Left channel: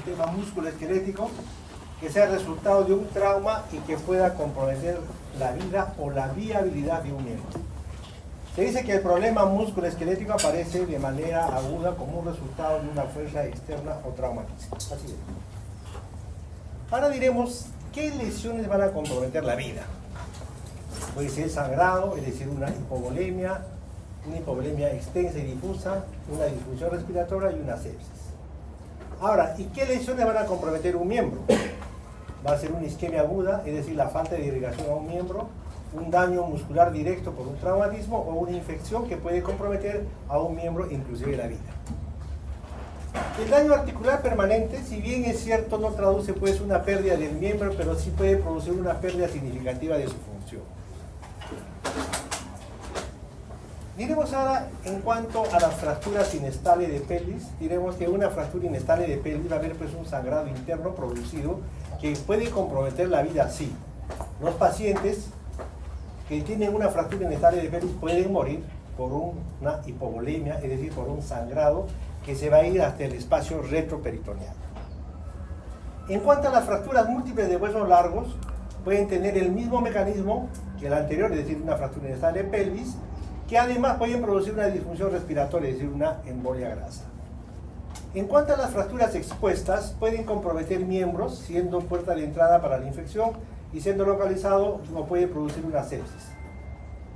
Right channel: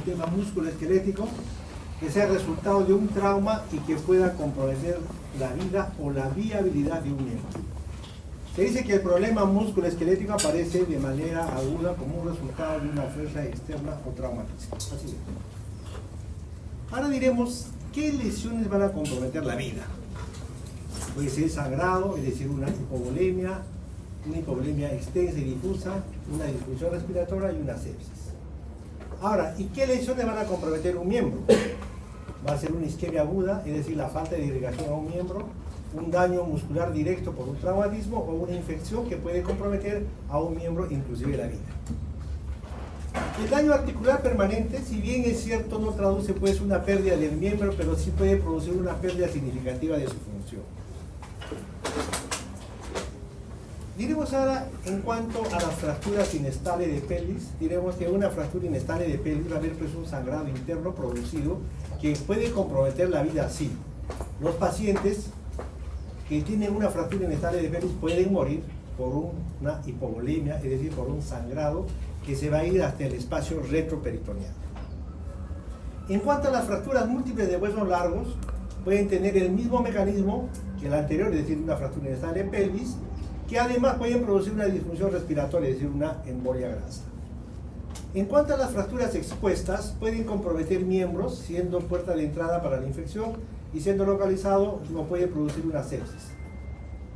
sistema musculoesquelético que sea resultado de un trauma y que pueda comprometer la vida o la viabilidad de un miembro. Se dice que el problema musculoesquelético aparece de manera aguda como un resultado de una fuerza externa o traumática. Así es. Ahora diremos qué lesiones van a comprometer la vida. Puede ser sangrado, es decir, una hipovolemia extensa y difusa, una disfunción respiratoria y una sepsis. Ahora, ¿y qué lesiones van a comprometer un miembro? Va a ser una isquemia aguda, es decir, la falta de irrigación a un miembro, un daño muscular directo por un traumatismo o una infección que puede comprometer a un miembro, inclusive la vida. El daño articular permanente, si bien es cierto, no traduce pues una pérdida del miembro, pero sí puede producir una pérdida significativa de su función. Diremos ahora, en cuanto a las fracturas inestables de pelvis, diremos que una fractura inestable de pelvis va a haber pues un sangrado interno producido que puede comprometer la vida así. Los pacientes que tienen una fractura inestable de pelvis pueden morir por una hipovolemia, es decir, por un sangrado que se va a ir hasta el espacio retroperitoneal. En cuanto a las fracturas múltiples de huesos largos, pueden tener el mismo mecanismo que el anterior, es decir, una fractura inestable de pelvis, que además pueden producir una disfunción respiratoria, es decir, una embolia grasa. En cuanto a las fracturas expuestas, pueden comprometer miembros, siendo puerta de entrada para la infección, y siendo localizado, no puede producir una sepsis.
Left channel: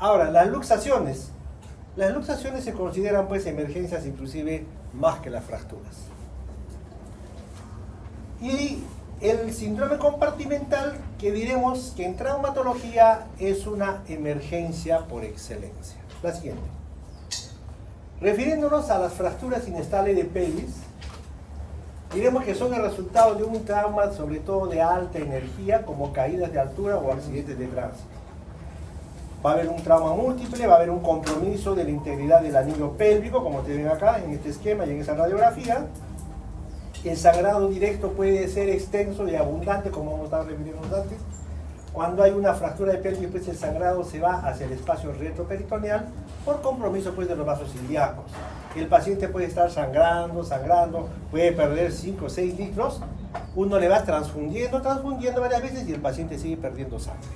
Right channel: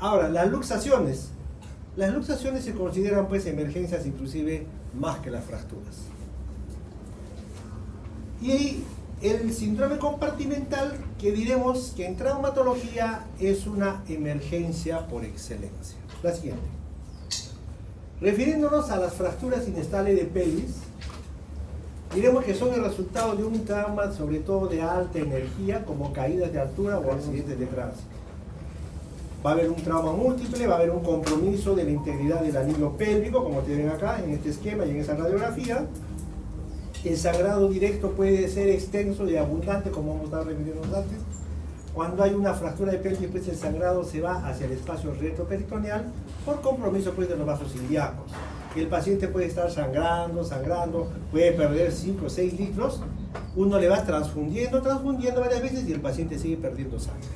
Ahora, las luxaciones. Las luxaciones se consideran pues emergencias inclusive más que las fracturas. Y el síndrome compartimental, que diremos que en traumatología es una emergencia por excelencia. La siguiente. Refiriéndonos a las fracturas inestables de pelvis, diremos que son el resultado de un trauma, sobre todo de alta energía, como caídas de altura o accidentes de tránsito. Va a haber un trauma múltiple, va a haber un compromiso de la integridad del anillo pélvico, como te ven acá en este esquema y en esa radiografía. El sangrado directo puede ser extenso y abundante, como vamos a estar refiriéndonos antes. Cuando hay una fractura de pelvis, pues el sangrado se va hacia el espacio retroperitoneal por compromiso pues, de los vasos ilíacos. El paciente puede estar sangrando, puede perder 5 o 6 litros. Uno le va transfundiendo varias veces y el paciente sigue perdiendo sangre.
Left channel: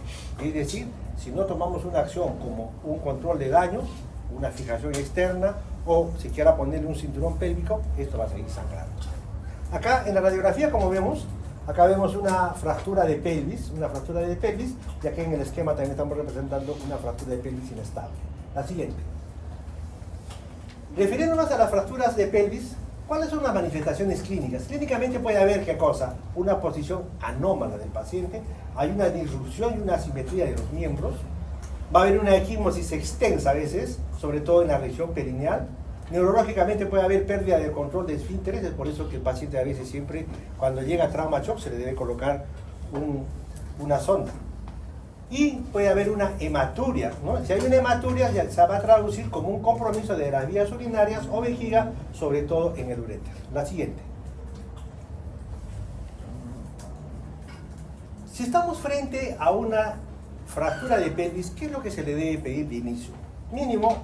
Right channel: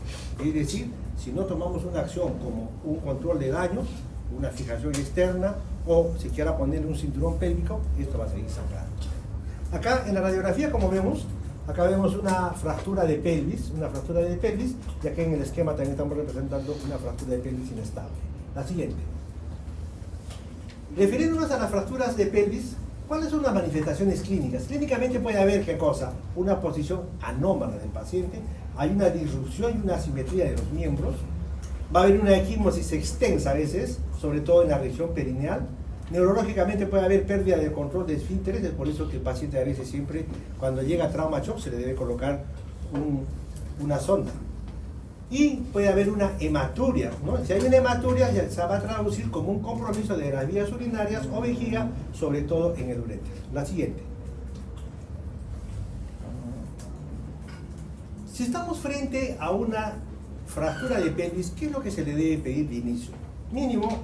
Es decir, si no tomamos una acción como un control de daños, una fijación externa o si quiera ponerle un cinturón pélvico, esto va a seguir sangrando. Acá en la radiografía, como vemos, acá vemos una fractura de pelvis, y aquí en el esquema también estamos representando una fractura de pelvis inestable. La siguiente. Refiriéndonos a las fracturas de pelvis, ¿cuáles son las manifestaciones clínicas? Clínicamente puede haber, ¿qué cosa? Una posición anómala del paciente, hay una disrupción y una asimetría de los miembros, va a haber una equimosis extensa a veces, sobre todo en la región perineal. Neurológicamente puede haber pérdida de control de esfínteres, es por eso que el paciente a veces siempre, cuando llega a trauma shock, se le debe colocar una sonda. Y puede haber una hematuria, ¿no? Si hay una hematuria, ya se va a traducir como un compromiso de las vías urinarias o vejiga, sobre todo en el uréter. La siguiente. Si estamos frente a una fractura de pelvis, ¿qué es lo que se le debe pedir de inicio? Mínimo,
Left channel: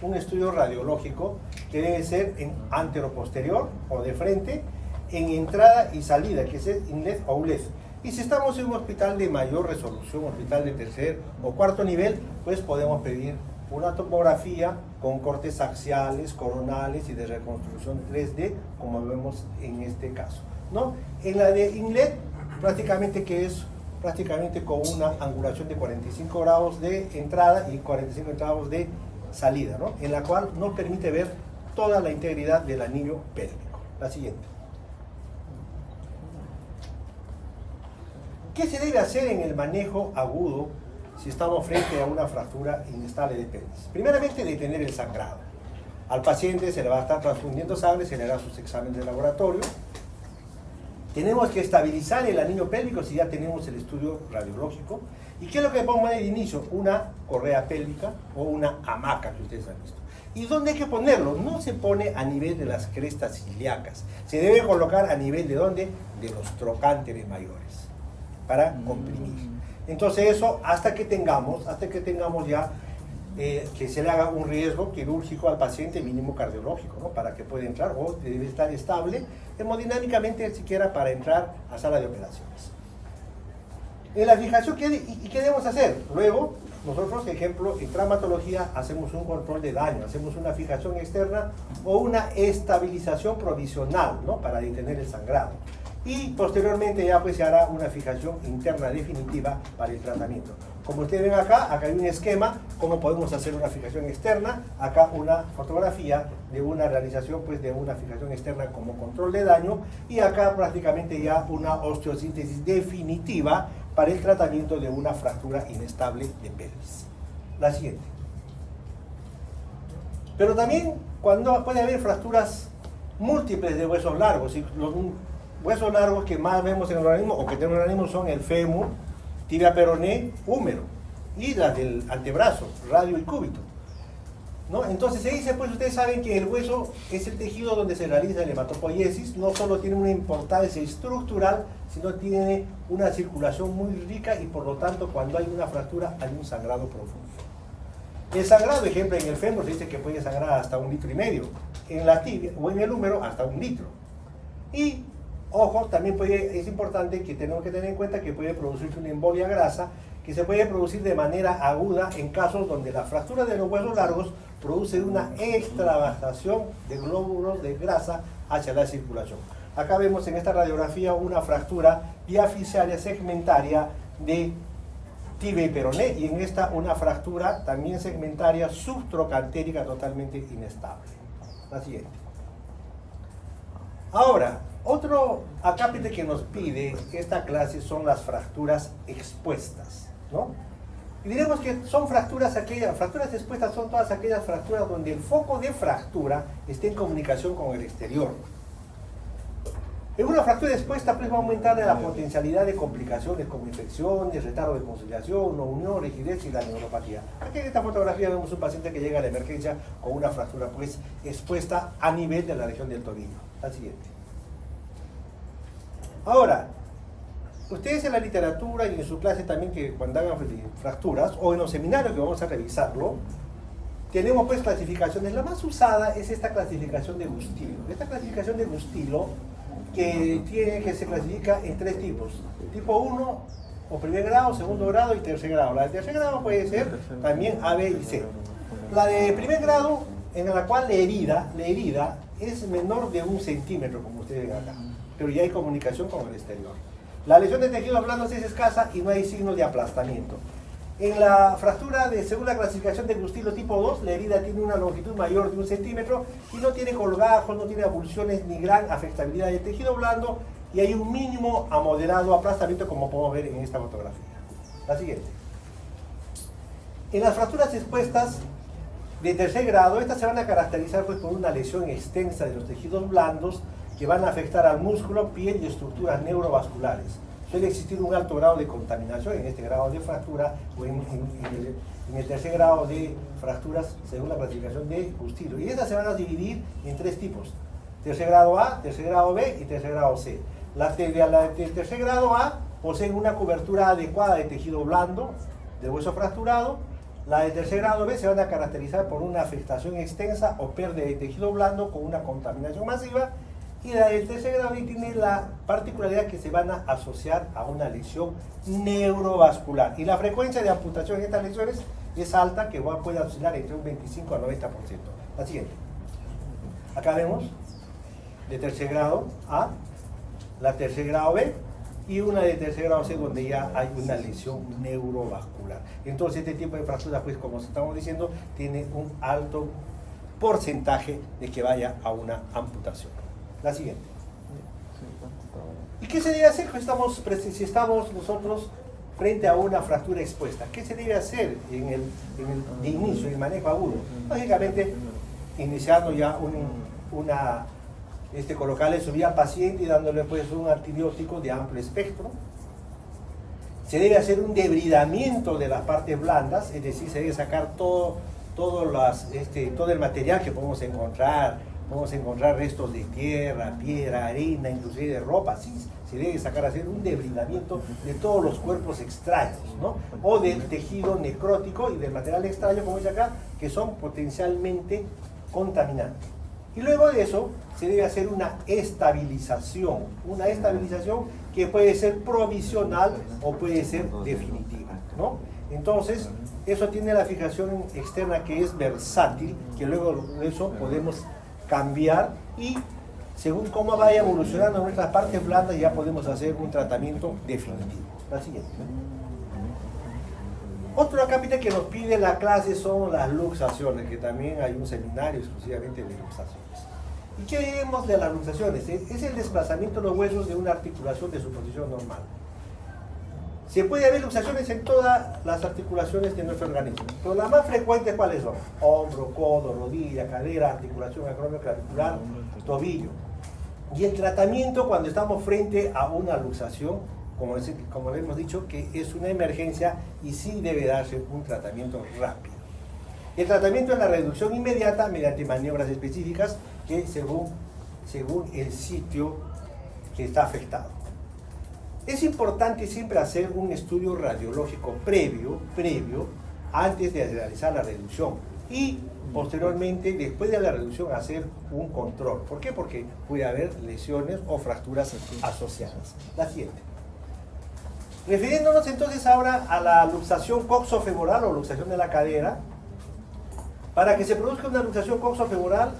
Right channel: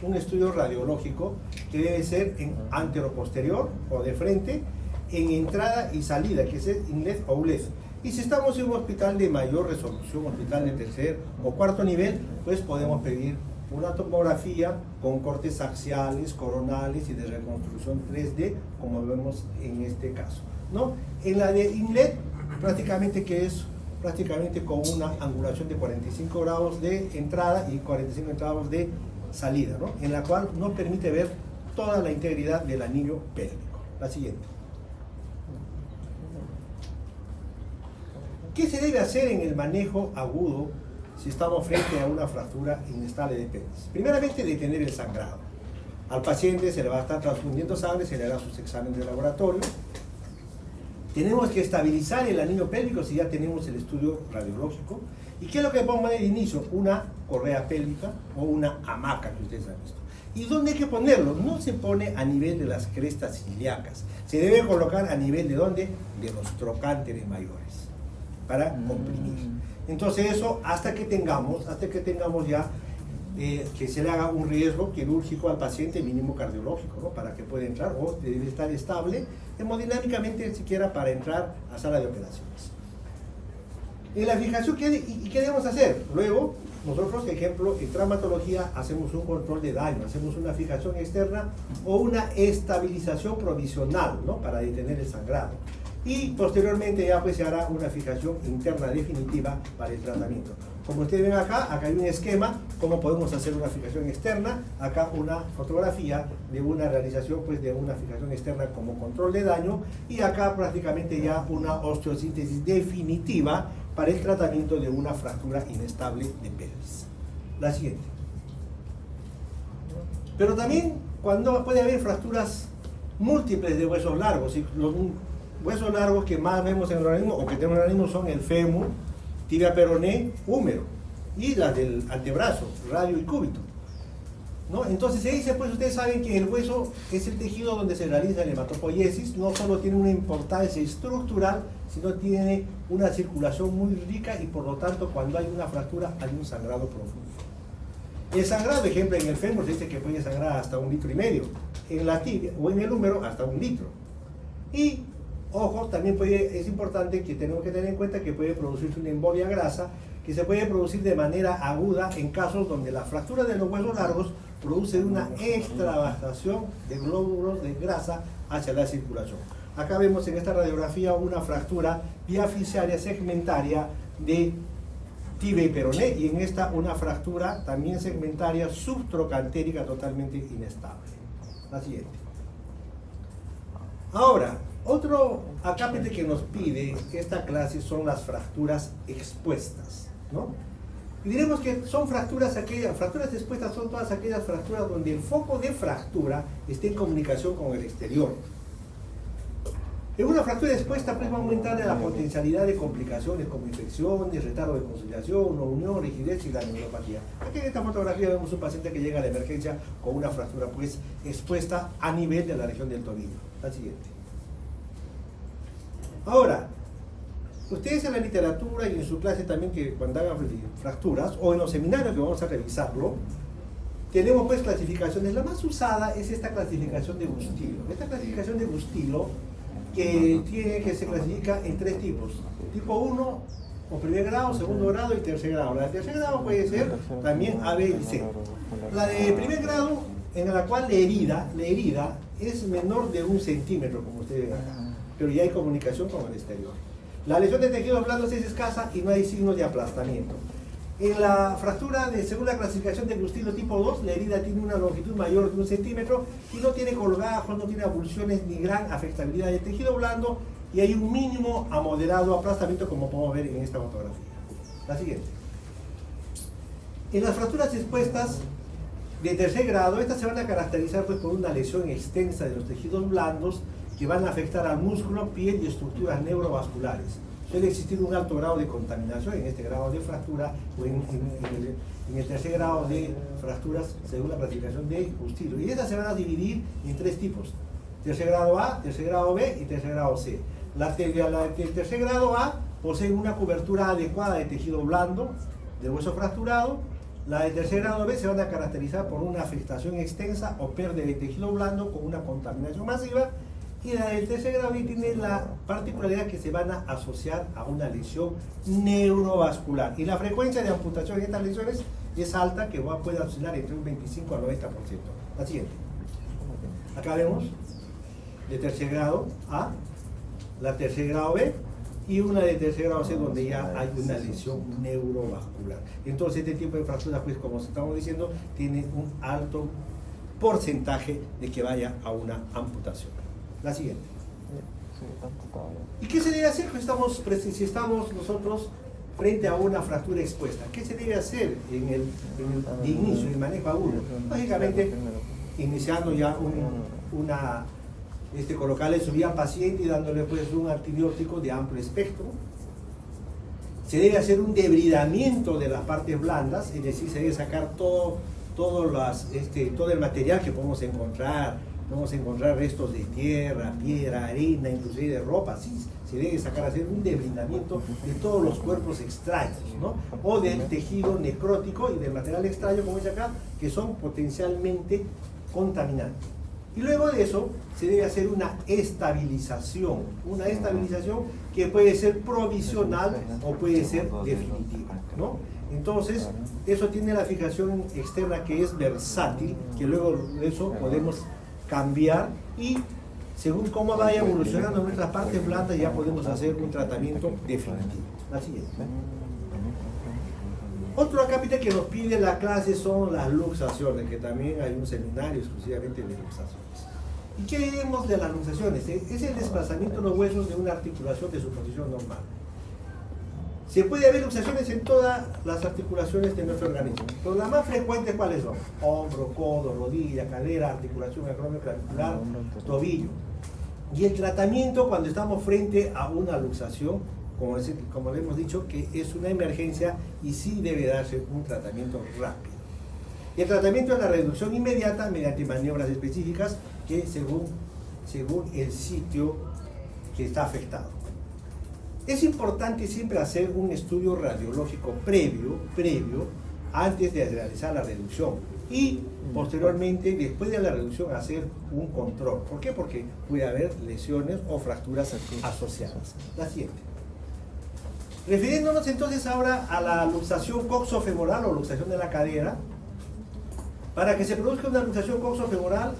un estudio radiológico que debe ser en antero-posterior o de frente, en entrada y salida, que es el inlet o outlet. Y si estamos en un hospital de mayor resolución, hospital de tercer o cuarto nivel, pues podemos pedir una tomografía con cortes axiales, coronales y de reconstrucción 3D, como vemos en este caso, ¿no? En la de inlet, prácticamente con una angulación de 45 grados de entrada y 45 grados de salida, ¿no? En la cual no permite ver toda la integridad del anillo pélvico. La siguiente. ¿Qué se debe hacer en el manejo agudo si estamos frente a una fractura inestable de pelvis? Primeramente, detener el sangrado. Al paciente se le va a estar transfundiendo sangre, se le hará sus exámenes de laboratorio. Tenemos que estabilizar el anillo pélvico si ya tenemos el estudio radiológico. ¿Y qué es lo que podemos poner de inicio? Una correa pélvica o una hamaca que ustedes han visto. ¿Y dónde hay que ponerlo? No se pone a nivel de las crestas ilíacas. Se debe colocar a nivel de ¿dónde? De los trocánteres mayores, para comprimir. Entonces eso hasta que tengamos ya que se le haga un riesgo quirúrgico al paciente mínimo cardiológico, ¿no? Para que pueda entrar, o debe estar estable hemodinámicamente siquiera para entrar a sala de operaciones. En la fijación, ¿qué debemos hacer? Luego, nosotros, por ejemplo, en traumatología hacemos un control de daño, hacemos una fijación externa o una estabilización provisional, ¿no? Para detener el sangrado. Y posteriormente ya pues se hará una fijación interna definitiva para el tratamiento. Como ustedes ven acá hay un esquema, cómo podemos hacer una fijación externa, acá una fotografía de una realización pues de una fijación externa como control de daño, y acá prácticamente ya una osteosíntesis definitiva para el tratamiento de una fractura inestable de pelvis. La siguiente. Pero también cuando puede haber fracturas múltiples de huesos largos, y los huesos largos que más vemos en el organismo o que tenemos en el organismo son el fémur, tibia peroné, húmero, y las del antebrazo, radio y cúbito, ¿no? Entonces se dice, pues ustedes saben que el hueso es el tejido donde se realiza la hematopoiesis, no solo tiene una importancia estructural, sino tiene una circulación muy rica y por lo tanto cuando hay una fractura hay un sangrado profundo. El sangrado, ejemplo, en el fémur se dice que puede sangrar hasta 1,5 litros, en la tibia o en el húmero hasta 1 litro. Y ojo, también es importante que tenemos que tener en cuenta que puede producirse una embolia grasa, que se puede producir de manera aguda en casos donde la fractura de los huesos largos produce una extravasación de glóbulos de grasa hacia la circulación. Acá vemos en esta radiografía una fractura diafisiaria segmentaria de tibia y peroné, y en esta una fractura también segmentaria subtrocantérica totalmente inestable. La siguiente. Ahora, otro acápite que nos pide esta clase son las fracturas expuestas, ¿no? Y diremos que son fracturas expuestas son todas aquellas fracturas donde el foco de fractura está en comunicación con el exterior. En una fractura expuesta pues va a aumentar la potencialidad de complicaciones como infecciones, retardo de conciliación, no unión, rigidez y la neuropatía. Aquí en esta fotografía vemos un paciente que llega a la emergencia con una fractura pues expuesta a nivel de la región del tobillo. La siguiente. Ahora, ustedes en la literatura y en su clase también, que cuando hagan fracturas, o en los seminarios que vamos a revisarlo, tenemos pues clasificaciones. La más usada es esta clasificación de Gustilo. Esta clasificación de Gustilo que se clasifica en 3 tipos. Tipo 1, o primer grado, segundo grado y tercer grado. La de tercer grado puede ser también A, B y C. La de primer grado, en la cual la herida es menor de 1 centímetro, como ustedes ven acá, pero ya hay comunicación con el exterior. La lesión de tejidos blandos es escasa y no hay signos de aplastamiento. En la fractura de segunda clasificación de Gustilo tipo 2, la herida tiene una longitud mayor de 1 centímetro y no tiene colgajos, no tiene avulsiones ni gran afectabilidad del tejido blando, y hay un mínimo a moderado aplastamiento, como podemos ver en esta fotografía. La siguiente. En las fracturas expuestas de tercer grado, estas se van a caracterizar pues por una lesión extensa de los tejidos blandos que van a afectar al músculo, piel y estructuras neurovasculares. Suele existir un alto grado de contaminación en este grado de fractura o en el tercer grado de fracturas según la clasificación de Gustilo. Y estas se van a dividir en 3 tipos: tercer grado A, tercer grado B y tercer grado C. La del tercer grado A poseen una cobertura adecuada de tejido blando, de hueso fracturado. La de tercer grado B se van a caracterizar por una afectación extensa o pérdida de tejido blando con una contaminación masiva. Y la del tercer grado tiene la particularidad que se van a asociar a una lesión neurovascular. Y la frecuencia de amputación en estas lesiones es alta, que puede oscilar entre un 25 al 90%. La siguiente. Acá vemos de tercer grado A, la tercer grado B y una de tercer grado C, donde ya hay una lesión neurovascular. Entonces este tipo de fracturas, pues como estamos diciendo, tiene un alto porcentaje de que vaya a una amputación. La siguiente. ¿Y qué se debe hacer si estamos nosotros frente a una fractura expuesta? ¿Qué se debe hacer de inicio, en el manejo agudo? Lógicamente, iniciando ya colocarle su vía al paciente y dándole pues un antibiótico de amplio espectro. Se debe hacer un debridamiento de las partes blandas, es decir, se debe sacar todo el material que podemos encontrar, Vamos a encontrar restos de tierra, piedra, arena, inclusive de ropa. Sí, se debe sacar a hacer un deblindamiento de todos los cuerpos extraños, ¿no? O del tejido necrótico y del material extraño, como dice acá, que son potencialmente contaminantes. Y luego de eso se debe hacer una estabilización que puede ser provisional o puede ser definitiva, ¿no? Entonces, eso tiene la fijación externa que es versátil, que luego de eso podemos cambiar y según cómo vaya evolucionando nuestras partes blandas ya podemos hacer un tratamiento definitivo. La siguiente. Otro acápite que nos pide la clase son las luxaciones, que también hay un seminario exclusivamente de luxaciones. ¿Y qué vemos de las luxaciones? Es el desplazamiento de los huesos de una articulación de su posición normal. Se puede ver luxaciones en todas las articulaciones de nuestro organismo, pero las más frecuentes, ¿cuáles son? Hombro, codo, rodilla, cadera, articulación acromioclavicular, tobillo. Y el tratamiento cuando estamos frente a una luxación, como le hemos dicho, que es una emergencia y sí debe darse un tratamiento rápido. El tratamiento es la reducción inmediata mediante maniobras específicas que según el sitio que está afectado. Es importante siempre hacer un estudio radiológico previo antes de realizar la reducción y posteriormente, después de la reducción, hacer un control. ¿Por qué? Porque puede haber lesiones o fracturas asociadas. La siguiente. Refiriéndonos entonces ahora a la luxación coxofemoral o luxación de la cadera, para que se produzca una luxación coxofemoral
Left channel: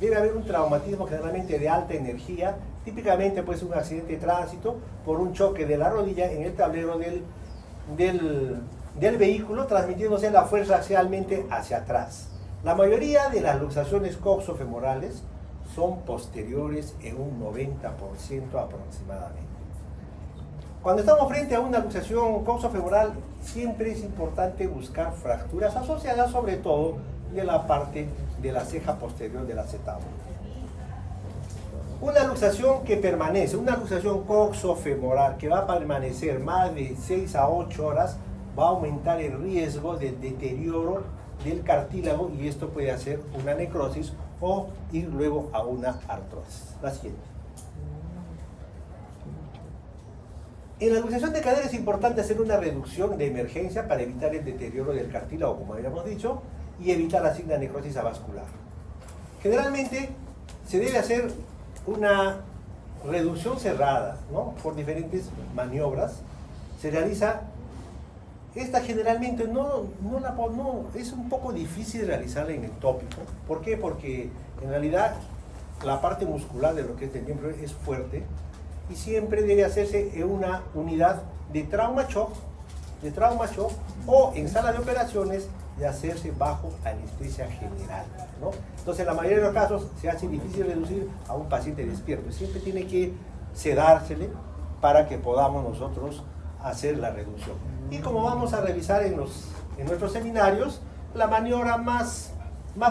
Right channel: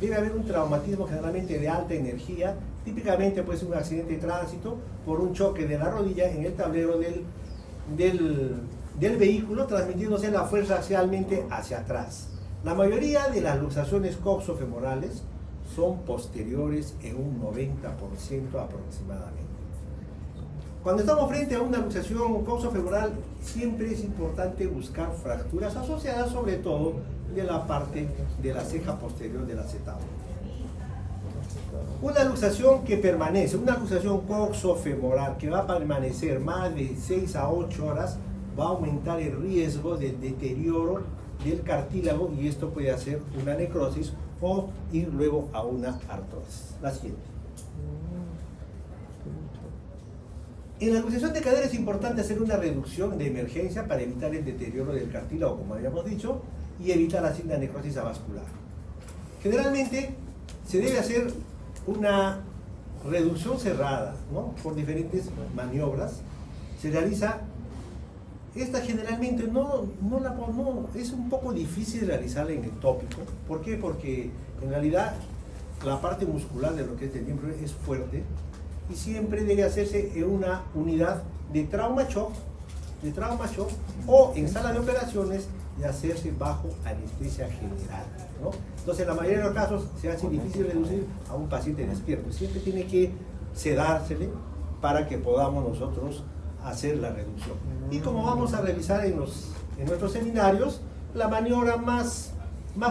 debe haber un traumatismo generalmente de alta energía, típicamente puede ser un accidente de tránsito por un choque de la rodilla en el tablero del vehículo, transmitiéndose la fuerza axialmente hacia atrás. La mayoría de las luxaciones coxofemorales son posteriores en un 90% aproximadamente. Cuando estamos frente a una luxación coxofemoral, siempre es importante buscar fracturas asociadas, sobre todo de la parte de la ceja posterior del acetábulo. Una luxación que permanece, una luxación coxofemoral que va a permanecer más de 6 a 8 horas, va a aumentar el riesgo del deterioro del cartílago y esto puede hacer una necrosis o ir luego a una artrosis. La siguiente. En la luxación de cadera es importante hacer una reducción de emergencia para evitar el deterioro del cartílago, como habíamos dicho, y evitar así la necrosis avascular. Generalmente se debe hacer una reducción cerrada, ¿no? Por diferentes maniobras. Se realiza, esta generalmente es un poco difícil realizarla en el tópico. ¿Por qué? Porque en realidad la parte muscular de lo que es el miembro es fuerte y siempre debe hacerse en una unidad de trauma shock o en sala de operaciones de hacerse bajo anestesia general, ¿no? Entonces, en la mayoría de los casos se hace difícil reducir a un paciente despierto. Siempre tiene que sedársele para que podamos nosotros hacer la reducción. Y como vamos a revisar en nuestros seminarios, la maniobra más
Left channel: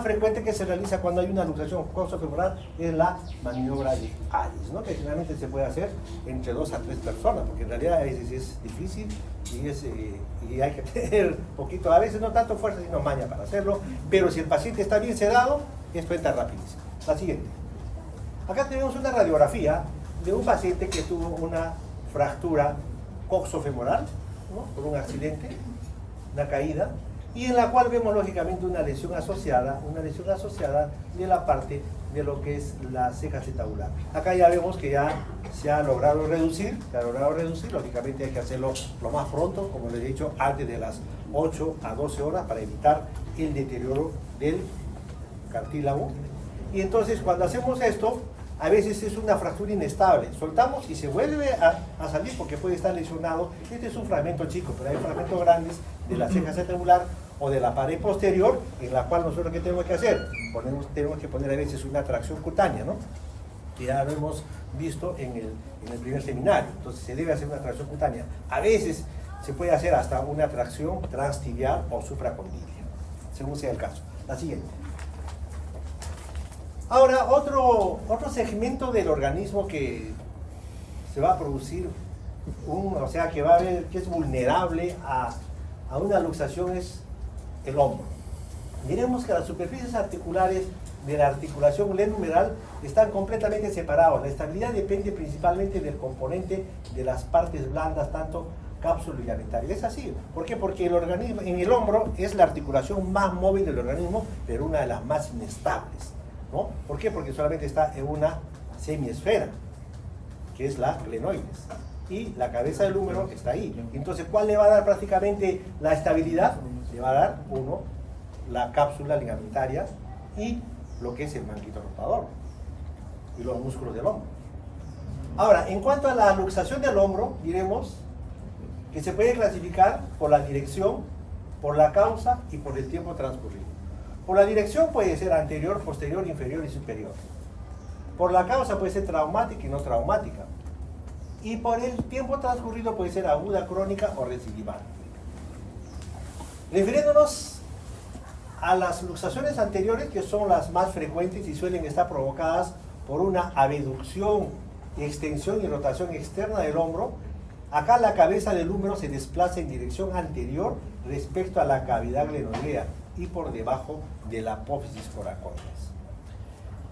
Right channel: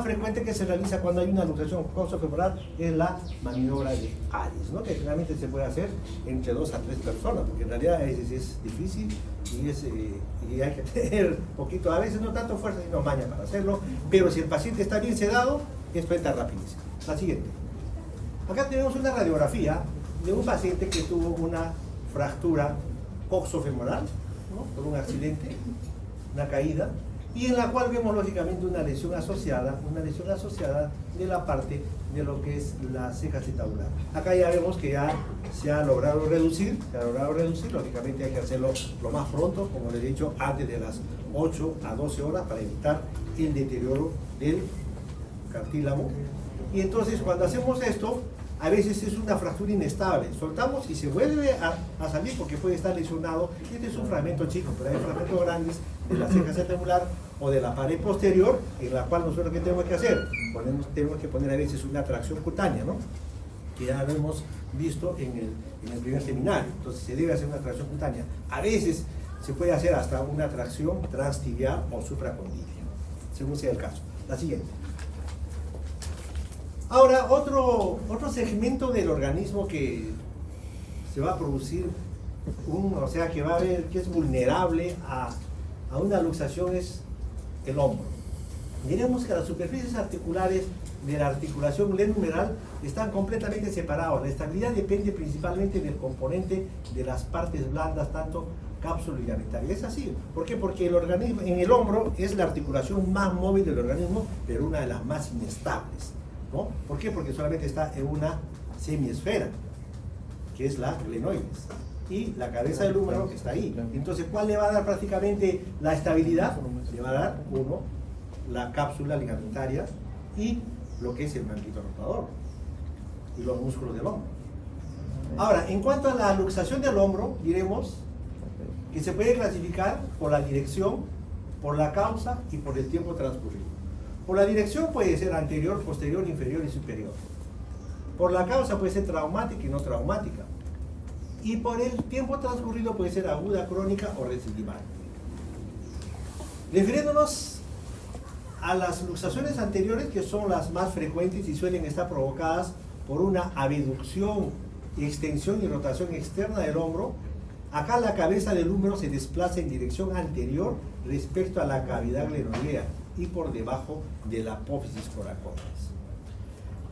frecuente que se realiza cuando hay una luxación coxofemoral es la maniobra de Addis, ¿no? Que generalmente se puede hacer entre 2 a 3 personas, porque en realidad a veces es difícil y hay que tener poquito, a veces no tanto fuerza sino maña para hacerlo, pero si el paciente está bien sedado, esto entra rapidísimo. La siguiente. Acá tenemos una radiografía de un paciente que tuvo una fractura coxofemoral, ¿no? Por un accidente, una caída, y en la cual vemos lógicamente una lesión asociada de la parte de lo que es la ceja acetabular. Acá ya vemos que ya se ha logrado reducir, lógicamente hay que hacerlo lo más pronto, como les he dicho, antes de las 8 a 12 horas para evitar el deterioro del cartílago. Y entonces cuando hacemos esto, a veces es una fractura inestable, soltamos y se vuelve a salir porque puede estar lesionado. Este es un fragmento chico, pero hay fragmentos grandes de la ceja acetabular o de la pared posterior, en la cual nosotros ¿qué tenemos que hacer? Tenemos que poner a veces una tracción cutánea, ¿no? Que ya lo hemos visto en el primer seminario. Entonces se debe hacer una tracción cutánea. A veces se puede hacer hasta una tracción transtibial o supracondylia, según sea el caso. La siguiente. Ahora, otro segmento del organismo que se va a producir, que es vulnerable a una luxación es el hombro. Miremos que las superficies articulares de la articulación glenumeral están completamente separados. La estabilidad depende principalmente del componente de las partes blandas, tanto cápsula y ligamentaria. Es así. ¿Por qué? Porque el organismo, en el hombro es la articulación más móvil del organismo, pero una de las más inestables, ¿no? ¿Por qué? Porque solamente está en una semiesfera, que es la glenoides, y la cabeza del húmero está ahí. Entonces, ¿cuál le va a dar prácticamente la estabilidad? Le va a dar, uno, la cápsula ligamentaria y lo que es el manguito rotador y los músculos del hombro. Ahora, en cuanto a la luxación del hombro, diremos que se puede clasificar por la dirección, por la causa y por el tiempo transcurrido. Por la dirección puede ser anterior, posterior, inferior y superior. Por la causa puede ser traumática y no traumática. Y por el tiempo transcurrido puede ser aguda, crónica o recidival. Refiriéndonos a las luxaciones anteriores, que son las más frecuentes y suelen estar provocadas por una abducción, extensión y rotación externa del hombro, acá la cabeza del húmero se desplaza en dirección anterior respecto a la cavidad glenoidea y por debajo de la apófisis coracoides.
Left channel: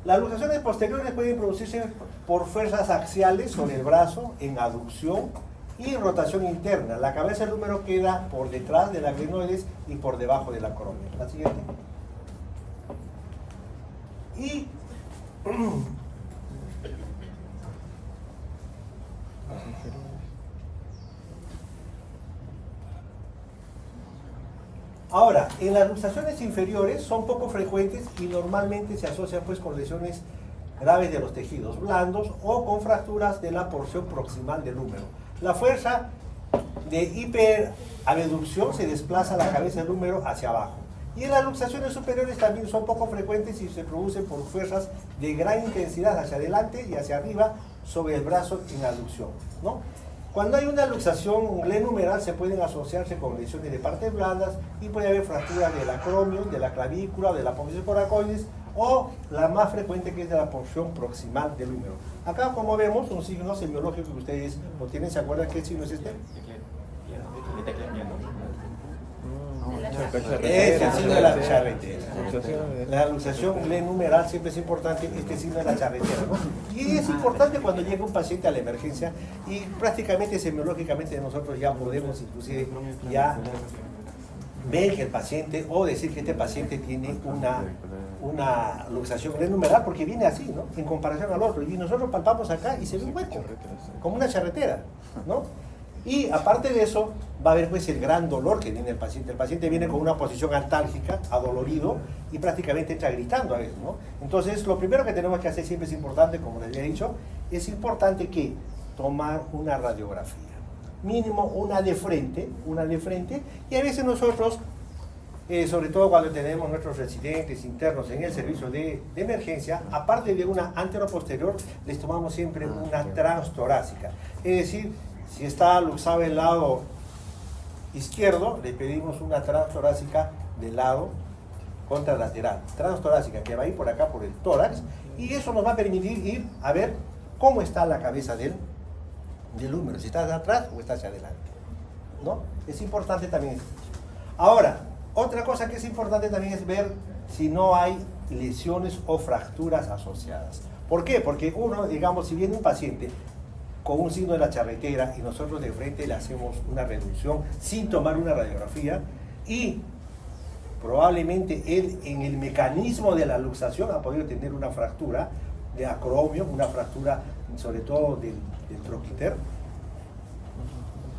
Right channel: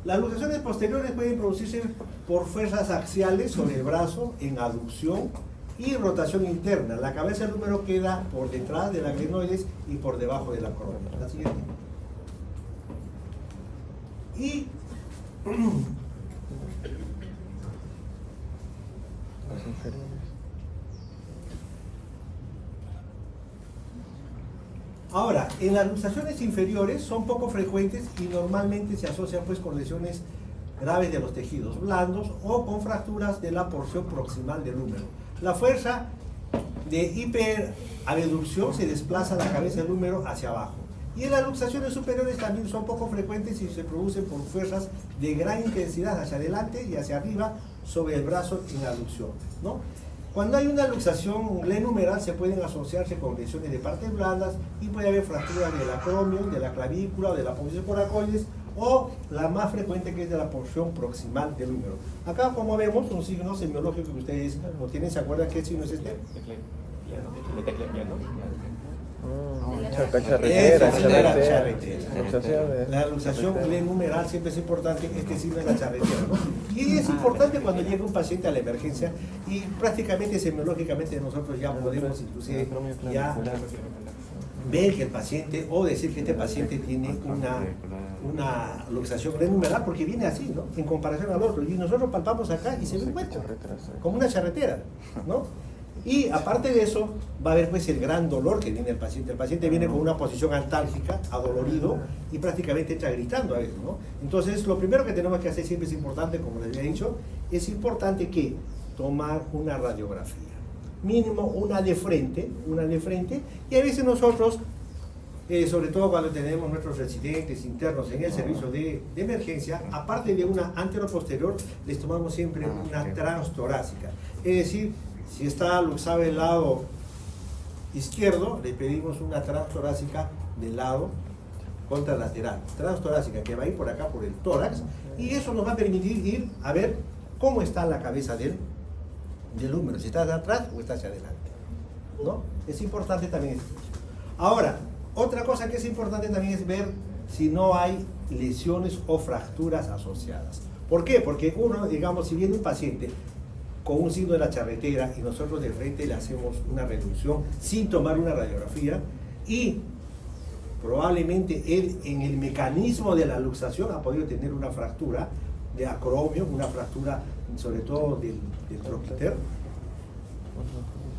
Las luxaciones posteriores pueden producirse por fuerzas axiales sobre el brazo en aducción y en rotación interna. La cabeza del húmero queda por detrás de la glenoides y por debajo de la corona. La siguiente. Y ahora, en las luxaciones inferiores son poco frecuentes y normalmente se asocian pues con lesiones graves de los tejidos blandos o con fracturas de la porción proximal del húmero. La fuerza de hiperabducción se desplaza la cabeza del húmero hacia abajo. Y en las luxaciones superiores también son poco frecuentes y se producen por fuerzas de gran intensidad hacia adelante y hacia arriba sobre el brazo en aducción, ¿no? Cuando hay una luxación glenumeral se pueden asociarse con lesiones de partes blandas y puede haber fracturas del acromion, de la clavícula, de la apófisis coracoides o la más frecuente que es de la porción proximal del húmero. Acá, como vemos, un signo semiológico que ustedes no tienen, ¿se acuerdan qué signo es este? La luxación glenumeral siempre es importante, este signo de la charretera, ¿no? Y es importante cuando llega un paciente a la emergencia y prácticamente semiológicamente nosotros ya podemos inclusive ya ver que el paciente o decir que este paciente tiene una luxación glenumeral porque viene así, ¿no? En comparación al otro. Y nosotros palpamos acá y se ve un hueco, como una charretera, ¿no? Y aparte de eso, va a haber pues el gran dolor que tiene el paciente. El paciente viene con una posición altálgica, adolorido, y prácticamente entra gritando a veces, ¿no? Entonces, lo primero que tenemos que hacer siempre es importante, como les había dicho, es importante que tomar una radiografía. Mínimo una de frente, y a veces nosotros, sobre todo cuando tenemos nuestros residentes internos en el servicio de emergencia, aparte de una anteroposterior, les tomamos siempre una transtorácica. Es decir, si está luxado el lado izquierdo, le pedimos una transtorácica del lado contralateral. Transtorácica que va a ir por acá, por el tórax, y eso nos va a permitir ir a ver cómo está la cabeza del húmero, si está hacia atrás o está hacia adelante, ¿no? Es importante también eso. Ahora, otra cosa que es importante también es ver si no hay lesiones o fracturas asociadas. ¿Por qué? Porque uno, digamos, si viene un paciente con un signo de la charretera y nosotros de frente le hacemos una reducción sin tomar una radiografía y probablemente él en el mecanismo de la luxación ha podido tener una fractura de acromio, una fractura sobre todo del troquiter,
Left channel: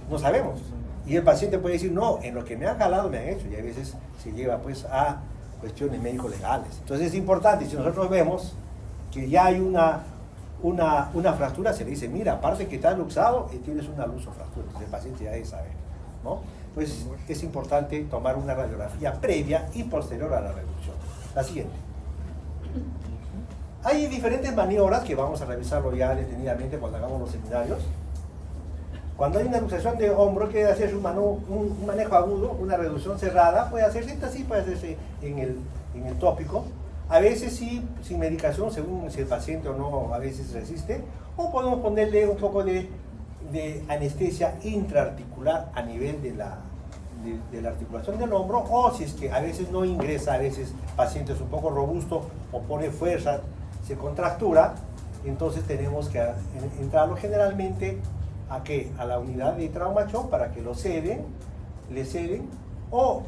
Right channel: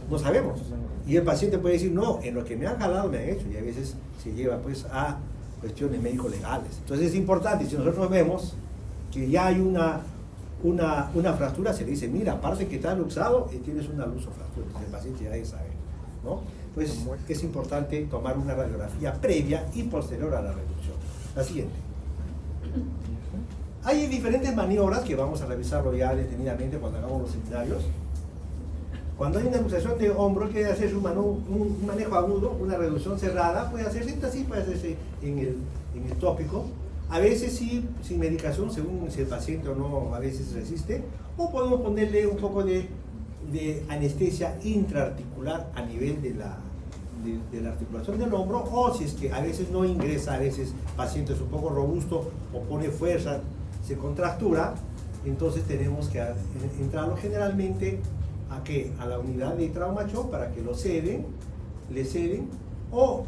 no sabemos. Y el paciente puede decir, no, en lo que me han jalado me han hecho, y a veces se lleva pues a cuestiones médico-legales. Entonces es importante, si nosotros vemos que ya hay una fractura, se le dice, mira, aparte que está luxado, tienes una luxofractura. Entonces el paciente ya debe saber, ¿no? Pues es importante tomar una radiografía previa y posterior a la reducción. La siguiente. Hay diferentes maniobras que vamos a revisarlo ya detenidamente cuando hagamos los seminarios. Cuando hay una luxación de hombro, que hacer un manejo agudo, una reducción cerrada, puede hacerse así, puede hacerse en el tópico. A veces sí, sin medicación, según si el paciente o no a veces resiste, o podemos ponerle un poco de anestesia intraarticular a nivel de la articulación del hombro, o si es que a veces no ingresa, a veces el paciente es un poco robusto o pone fuerza, se contractura, entonces tenemos que entrarlo generalmente ¿a qué? A la unidad de trauma shock para que lo ceden, le ceden, o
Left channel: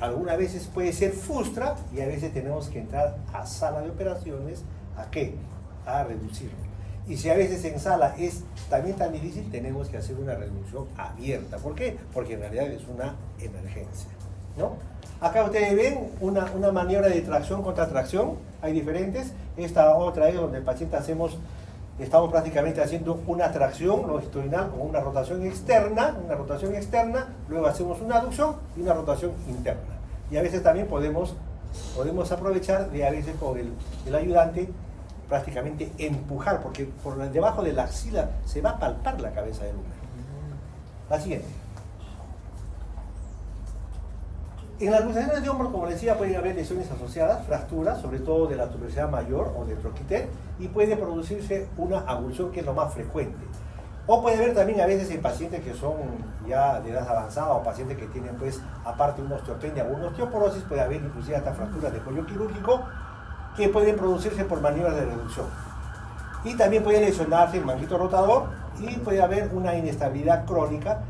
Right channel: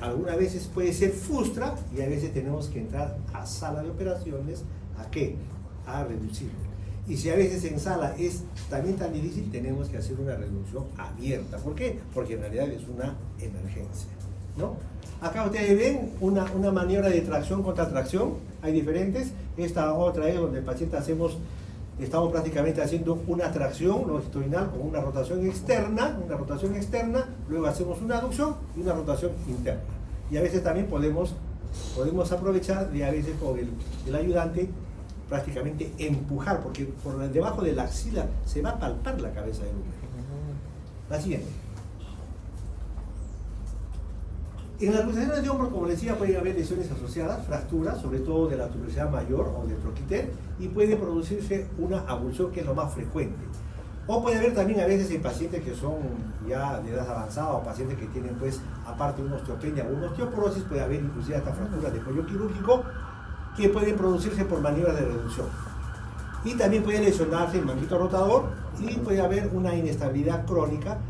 algunas veces puede ser frustra y a veces tenemos que entrar a sala de operaciones ¿a qué? A reducirlo. Y si a veces en sala es también tan difícil, tenemos que hacer una reducción abierta. ¿Por qué? Porque en realidad es una emergencia, ¿no? Acá ustedes ven una maniobra de tracción contra tracción, hay diferentes. Esta otra es donde el paciente estamos prácticamente haciendo una tracción longitudinal con una rotación externa, luego hacemos una aducción y una rotación interna. Y a veces también podemos aprovechar de a veces por el ayudante prácticamente empujar, porque por debajo de la axila se va a palpar la cabeza del hombre. La siguiente. En las luxaciones de hombro, como les decía, pueden haber lesiones asociadas, fracturas, sobre todo de la tuberosidad mayor o del troquiter, y puede producirse una avulsión, que es lo más frecuente. O puede haber también a veces en pacientes que son ya de edad avanzada o pacientes que tienen, pues, aparte una osteopenia o una osteoporosis, puede haber inclusive hasta fracturas de cuello quirúrgico que pueden producirse por maniobras de reducción. Y también puede lesionarse el manguito rotador y puede haber una inestabilidad crónica.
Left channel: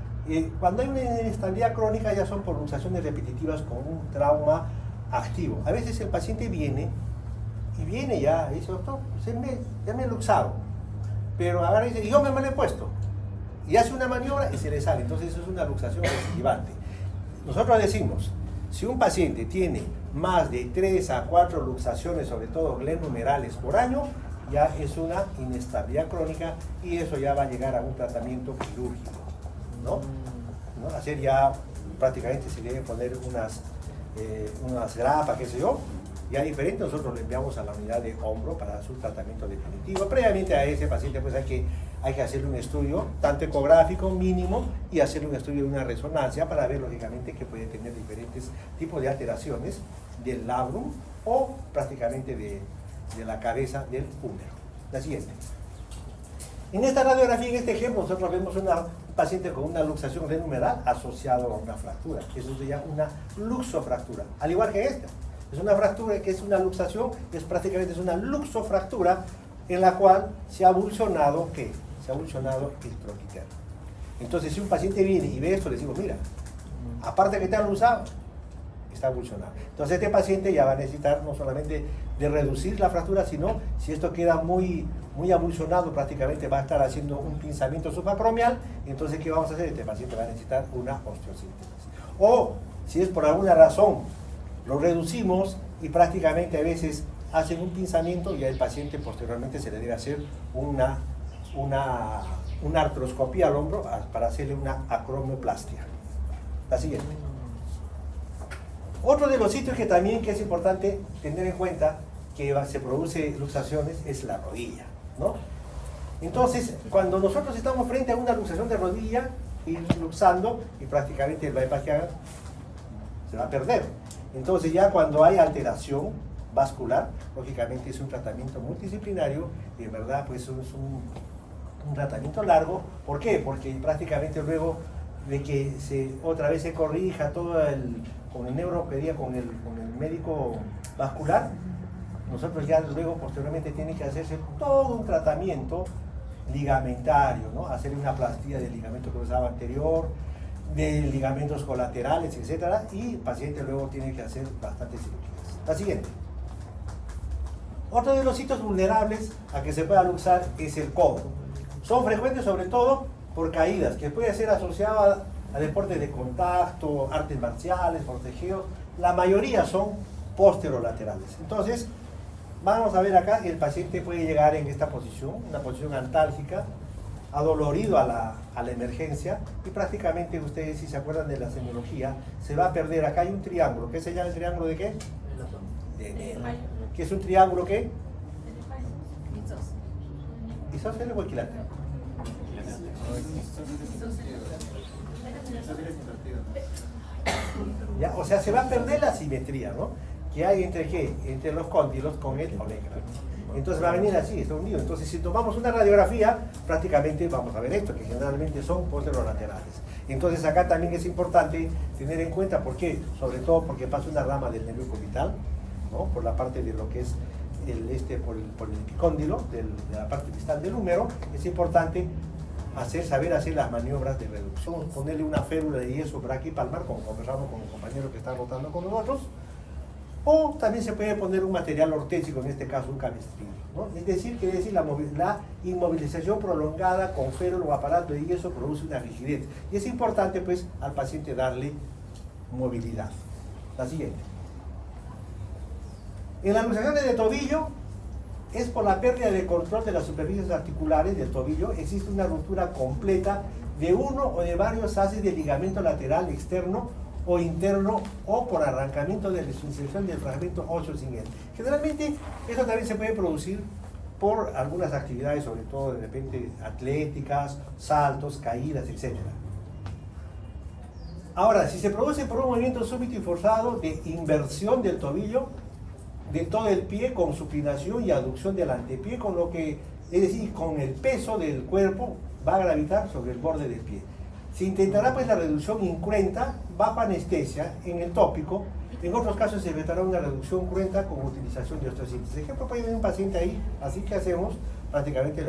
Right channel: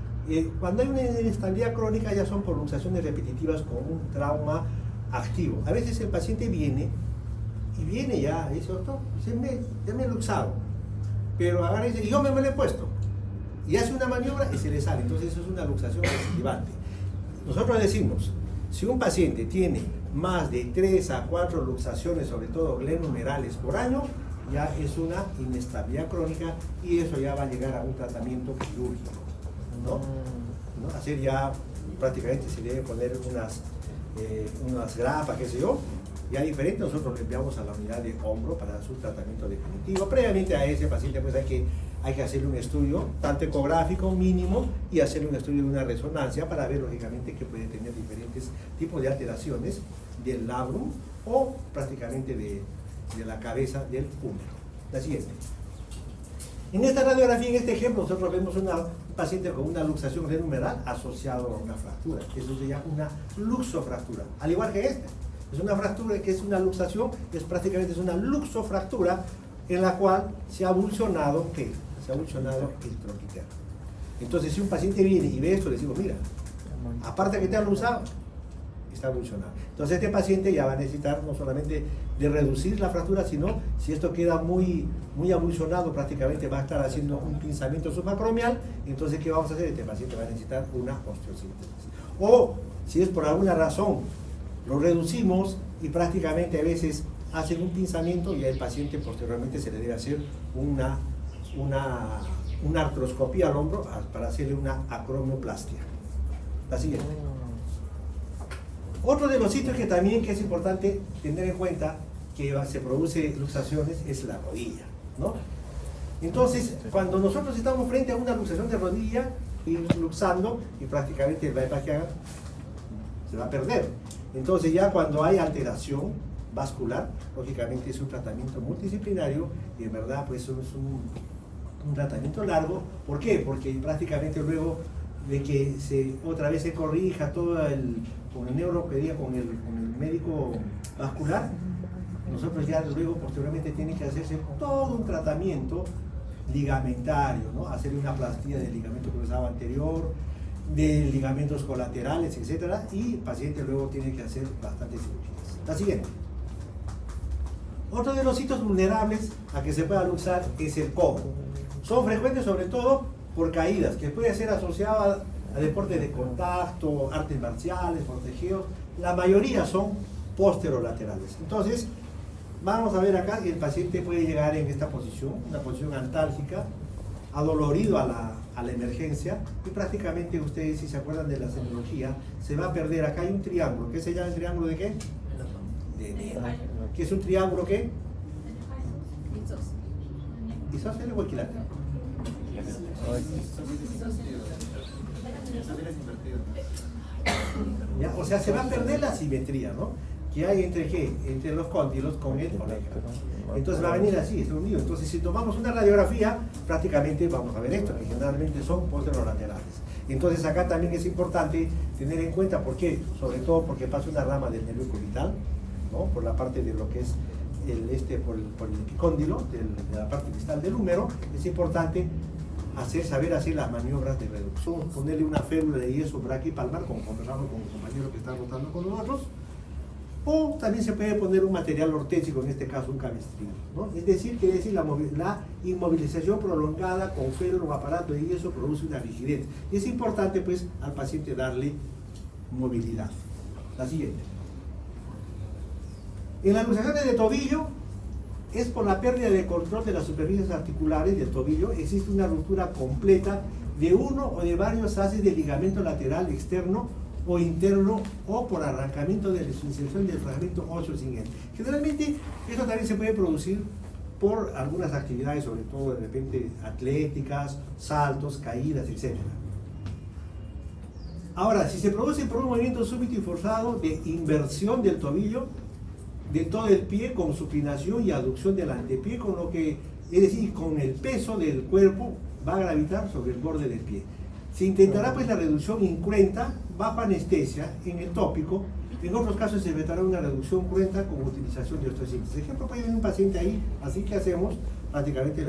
Cuando hay una inestabilidad crónica ya son por luxaciones repetitivas con un trauma activo. A veces el paciente viene ya, dice, doctor, ya me he luxado, pero agarra y dice, yo me lo he puesto. Y hace una maniobra y se le sale. Entonces eso es una luxación recidivante. Nosotros decimos, si un paciente tiene más de 3 a 4 luxaciones, sobre todo glenumerales por año, ya es una inestabilidad crónica y eso ya va a llegar a un tratamiento quirúrgico, ¿no? Hacer ya prácticamente se debe poner unas grapas, qué sé yo, ya diferente. Nosotros lo enviamos a la unidad de hombro para su tratamiento definitivo. Previamente a ese paciente pues hay que hacerle un estudio tanto ecográfico mínimo y hacerle un estudio de una resonancia para ver lógicamente que puede tener diferentes tipos de alteraciones del labrum o prácticamente de la cabeza del húmero. La siguiente. En esta radiografía, en este ejemplo, nosotros vemos un paciente con una luxación glenumeral asociado a una fractura. Eso se llama una luxofractura. Al igual que esta. Es una fractura que es una luxación, prácticamente es una luxofractura en la cual se ha avulsionado, ¿qué? Se ha avulsionado el troquiter. Entonces, si un paciente viene y ve esto, le decimos, mira, aparte que te han luxado, está avulsionado. Entonces, este paciente ya va a necesitar no solamente de reducir la fractura, sino si esto queda muy avulsionado, prácticamente va a estar haciendo un pinzamiento subacromial. Entonces, ¿qué vamos a hacer? Este paciente va a necesitar una osteosíntesis. O, si es por alguna razón, lo reducimos y prácticamente a veces hacen un pinzamiento y al paciente posteriormente se le debe hacer una artroscopía al hombro para hacerle una acromioplastia. La siguiente. Otro de los sitios que también es importante tener en cuenta que se produce luxaciones es la rodilla, ¿no? Entonces, cuando nosotros estamos frente a una luxación de rodilla, ir luxando y prácticamente el bypass que haga se va a perder. Entonces ya cuando hay alteración vascular, lógicamente es un tratamiento multidisciplinario y en verdad pues es un tratamiento largo. ¿Por qué? Porque prácticamente luego de que otra vez se corrija todo con el neuropedia, con el médico vascular, nosotros ya luego posteriormente tiene que hacerse todo un tratamiento ligamentario, ¿no? Hacer una plastía del ligamento cruzado anterior, de ligamentos colaterales, etcétera, y el paciente luego tiene que hacer bastantes cirugías. La siguiente. Otro de los sitios vulnerables a que se pueda luxar es el codo. Son frecuentes sobre todo por caídas, que puede ser asociada a deportes de contacto, artes marciales, forcejeos. La mayoría son posterolaterales. Entonces, vamos a ver acá que el paciente puede llegar en esta posición, una posición antálgica, adolorido a la emergencia, y prácticamente ustedes, si se acuerdan de la semiología, se va a perder. Acá hay un triángulo. ¿Qué se llama el triángulo de qué? ¿Qué es un triángulo qué? Isósceles o equilátero. ¿Ya? O sea, se va a perder la simetría, ¿no? que hay entre qué, entre los cóndilos con el omega. Entonces va a venir así, está unido. Entonces si tomamos una radiografía, prácticamente vamos a ver esto, que generalmente son posterolaterales. Entonces acá también es importante tener en cuenta, ¿por qué? Sobre todo porque pasa una rama del nervio cubital, ¿no? Por la parte de lo que es por el epicóndilo, de la parte distal del húmero. Es importante saber hacer las maniobras de reducción, ponerle una férula de yeso braquipalmar, como conversamos con los compañeros que están rotando con nosotros, o también se puede poner un material ortésico, en este caso un cabestrillo, ¿no? Es decir, quiere decir la inmovilización prolongada con férula o aparato de yeso produce una rigidez, y es importante pues al paciente darle movilidad. La siguiente. En las luxaciones de tobillo es por la pérdida de control de las superficies articulares del tobillo. Existe una ruptura completa de uno o de varios haces de ligamento lateral externo o interno, o por arrancamiento de la inserción del fragmento óseo sin él. Generalmente esto también se puede producir por algunas actividades, sobre todo de repente atléticas, saltos, caídas, etc. Ahora, si se produce por un movimiento súbito y forzado de inversión del tobillo, de todo el pie, con supinación y aducción del antepié, con lo que, es decir, con el peso del cuerpo va a gravitar sobre el borde del pie. Se intentará pues la reducción incruenta bajo anestesia en el tópico. En otros casos se tratará una reducción cruenta con utilización de osteosíntesis. Ejemplo, puede venir un paciente ahí, así que hacemos, prácticamente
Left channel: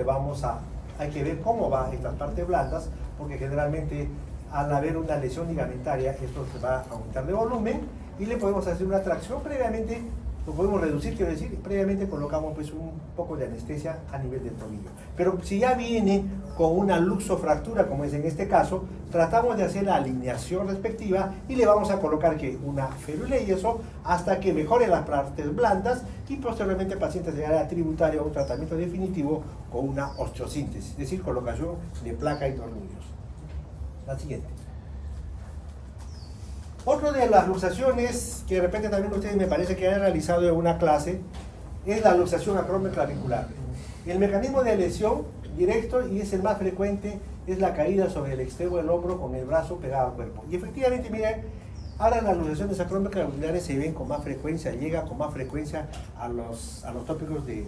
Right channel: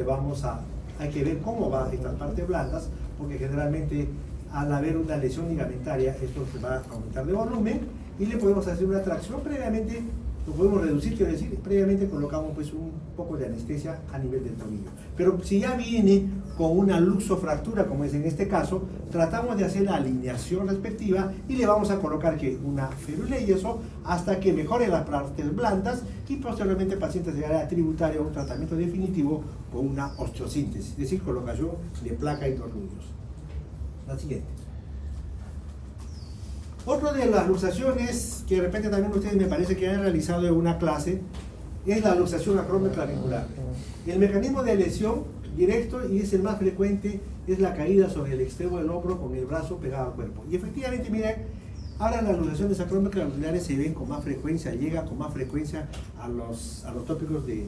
hay que ver cómo va en las partes blandas, porque generalmente al haber una lesión ligamentaria, esto se va a aumentar de volumen, y le podemos hacer una tracción previamente. Lo podemos reducir, quiero decir, previamente colocamos pues un poco de anestesia a nivel del tobillo. Pero si ya viene con una luxofractura, como es en este caso, tratamos de hacer la alineación respectiva y le vamos a colocar que una férula y yeso hasta que mejore las partes blandas, y posteriormente el paciente llegará a tributar a un tratamiento definitivo con una osteosíntesis, es decir, colocación de placa y tornillos. La siguiente. Otra de las luxaciones que de repente también ustedes me parece que han realizado en una clase es la luxación acromioclavicular. El mecanismo de lesión directo, y es el más frecuente, es la caída sobre el extremo del hombro con el brazo pegado al cuerpo. Y efectivamente, miren, ahora las luxaciones acromioclaviculares se ven con más frecuencia, llegan con más frecuencia a los tópicos de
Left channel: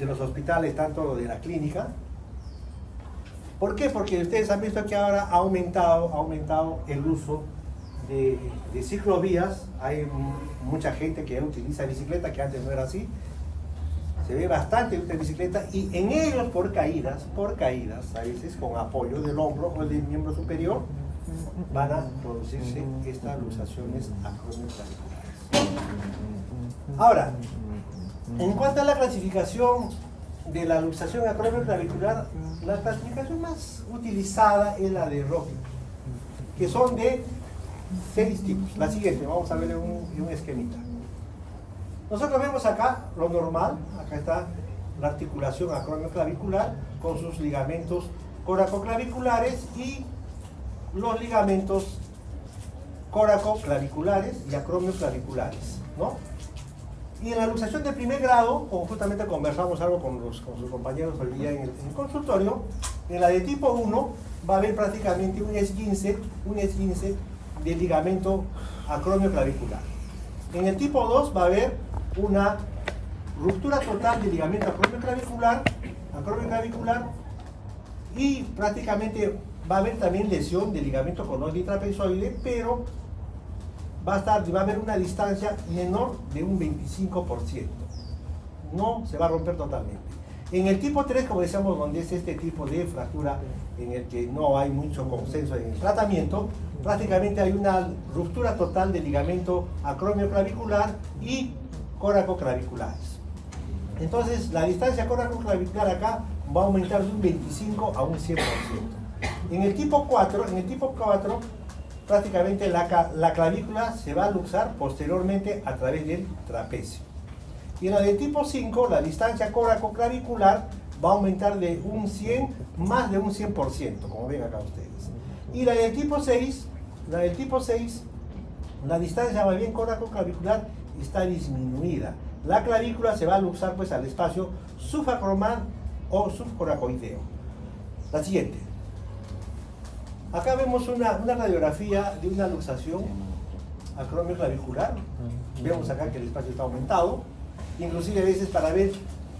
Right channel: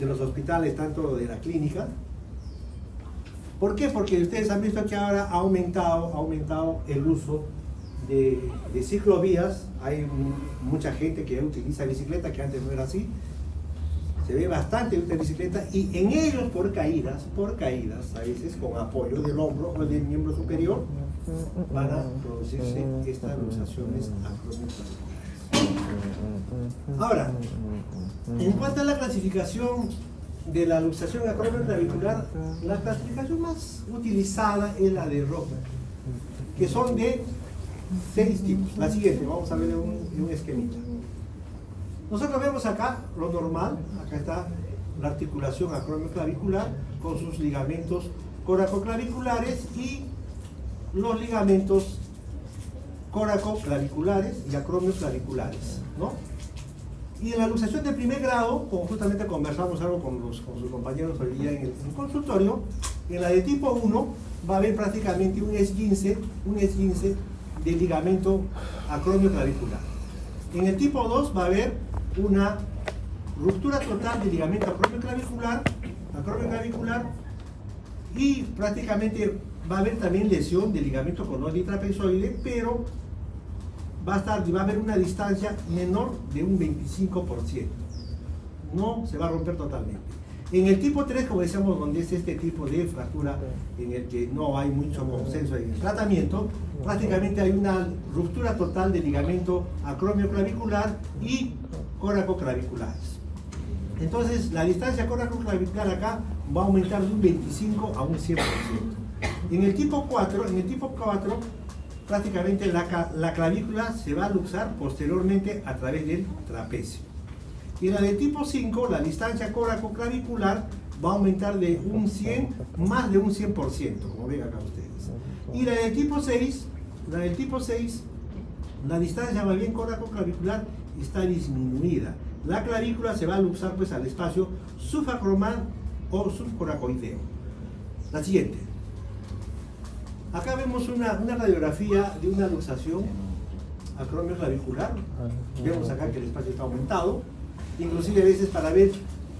los hospitales, tanto de la clínica. ¿Por qué? Porque ustedes han visto que ahora ha aumentado el uso de ciclovías. Hay mucha gente que utiliza bicicleta, que antes no era así. Se ve bastante de bicicleta, y en ellos por caídas, a veces con apoyo del hombro o del miembro superior, van a producirse estas luxaciones acromioclaviculares. Ahora, en cuanto a la clasificación de la luxación acromioclavicular, la clasificación más utilizada es la de Roger, que son de 6 tipos. La siguiente, vamos a ver un esquemita. Nosotros vemos acá lo normal, acá está la articulación acromioclavicular con sus ligamentos coracoclaviculares y los ligamentos coracoclaviculares y acromioclaviculares, ¿no? Y en la luxación de primer grado, como justamente conversamos algo con sus compañeros hoy día en el consultorio, en la de tipo 1 va a haber prácticamente un esguince del ligamento acromioclavicular. En el tipo 2 va a haber una ruptura total del ligamento acromioclavicular, y prácticamente va a haber también lesión del ligamento conoide y trapezoide, pero va a haber una distancia menor de un 25%. No se va a romper totalmente. En el tipo 3, como decíamos, donde es este tipo de fractura en el que no hay mucho consenso en el tratamiento, prácticamente hay una ruptura total del ligamento acromioclavicular y coracoclaviculares. Entonces, la distancia coracoclavicular acá va a aumentar de un 25 a un 100%. En el tipo 4, prácticamente la clavícula se va a luxar posteriormente a través del trapecio. Y en la de tipo 5, la distancia coracoclavicular va a aumentar de un 100, más de un 100%, como ven acá ustedes. Y la del tipo 6, la distancia más bien coracoclavicular está disminuida. La clavícula se va a luxar pues al espacio subacromal o subcoracoideo. La siguiente. Acá vemos una radiografía de una luxación acromio clavicular. Vemos acá que el espacio está aumentado. Inclusive a veces para ver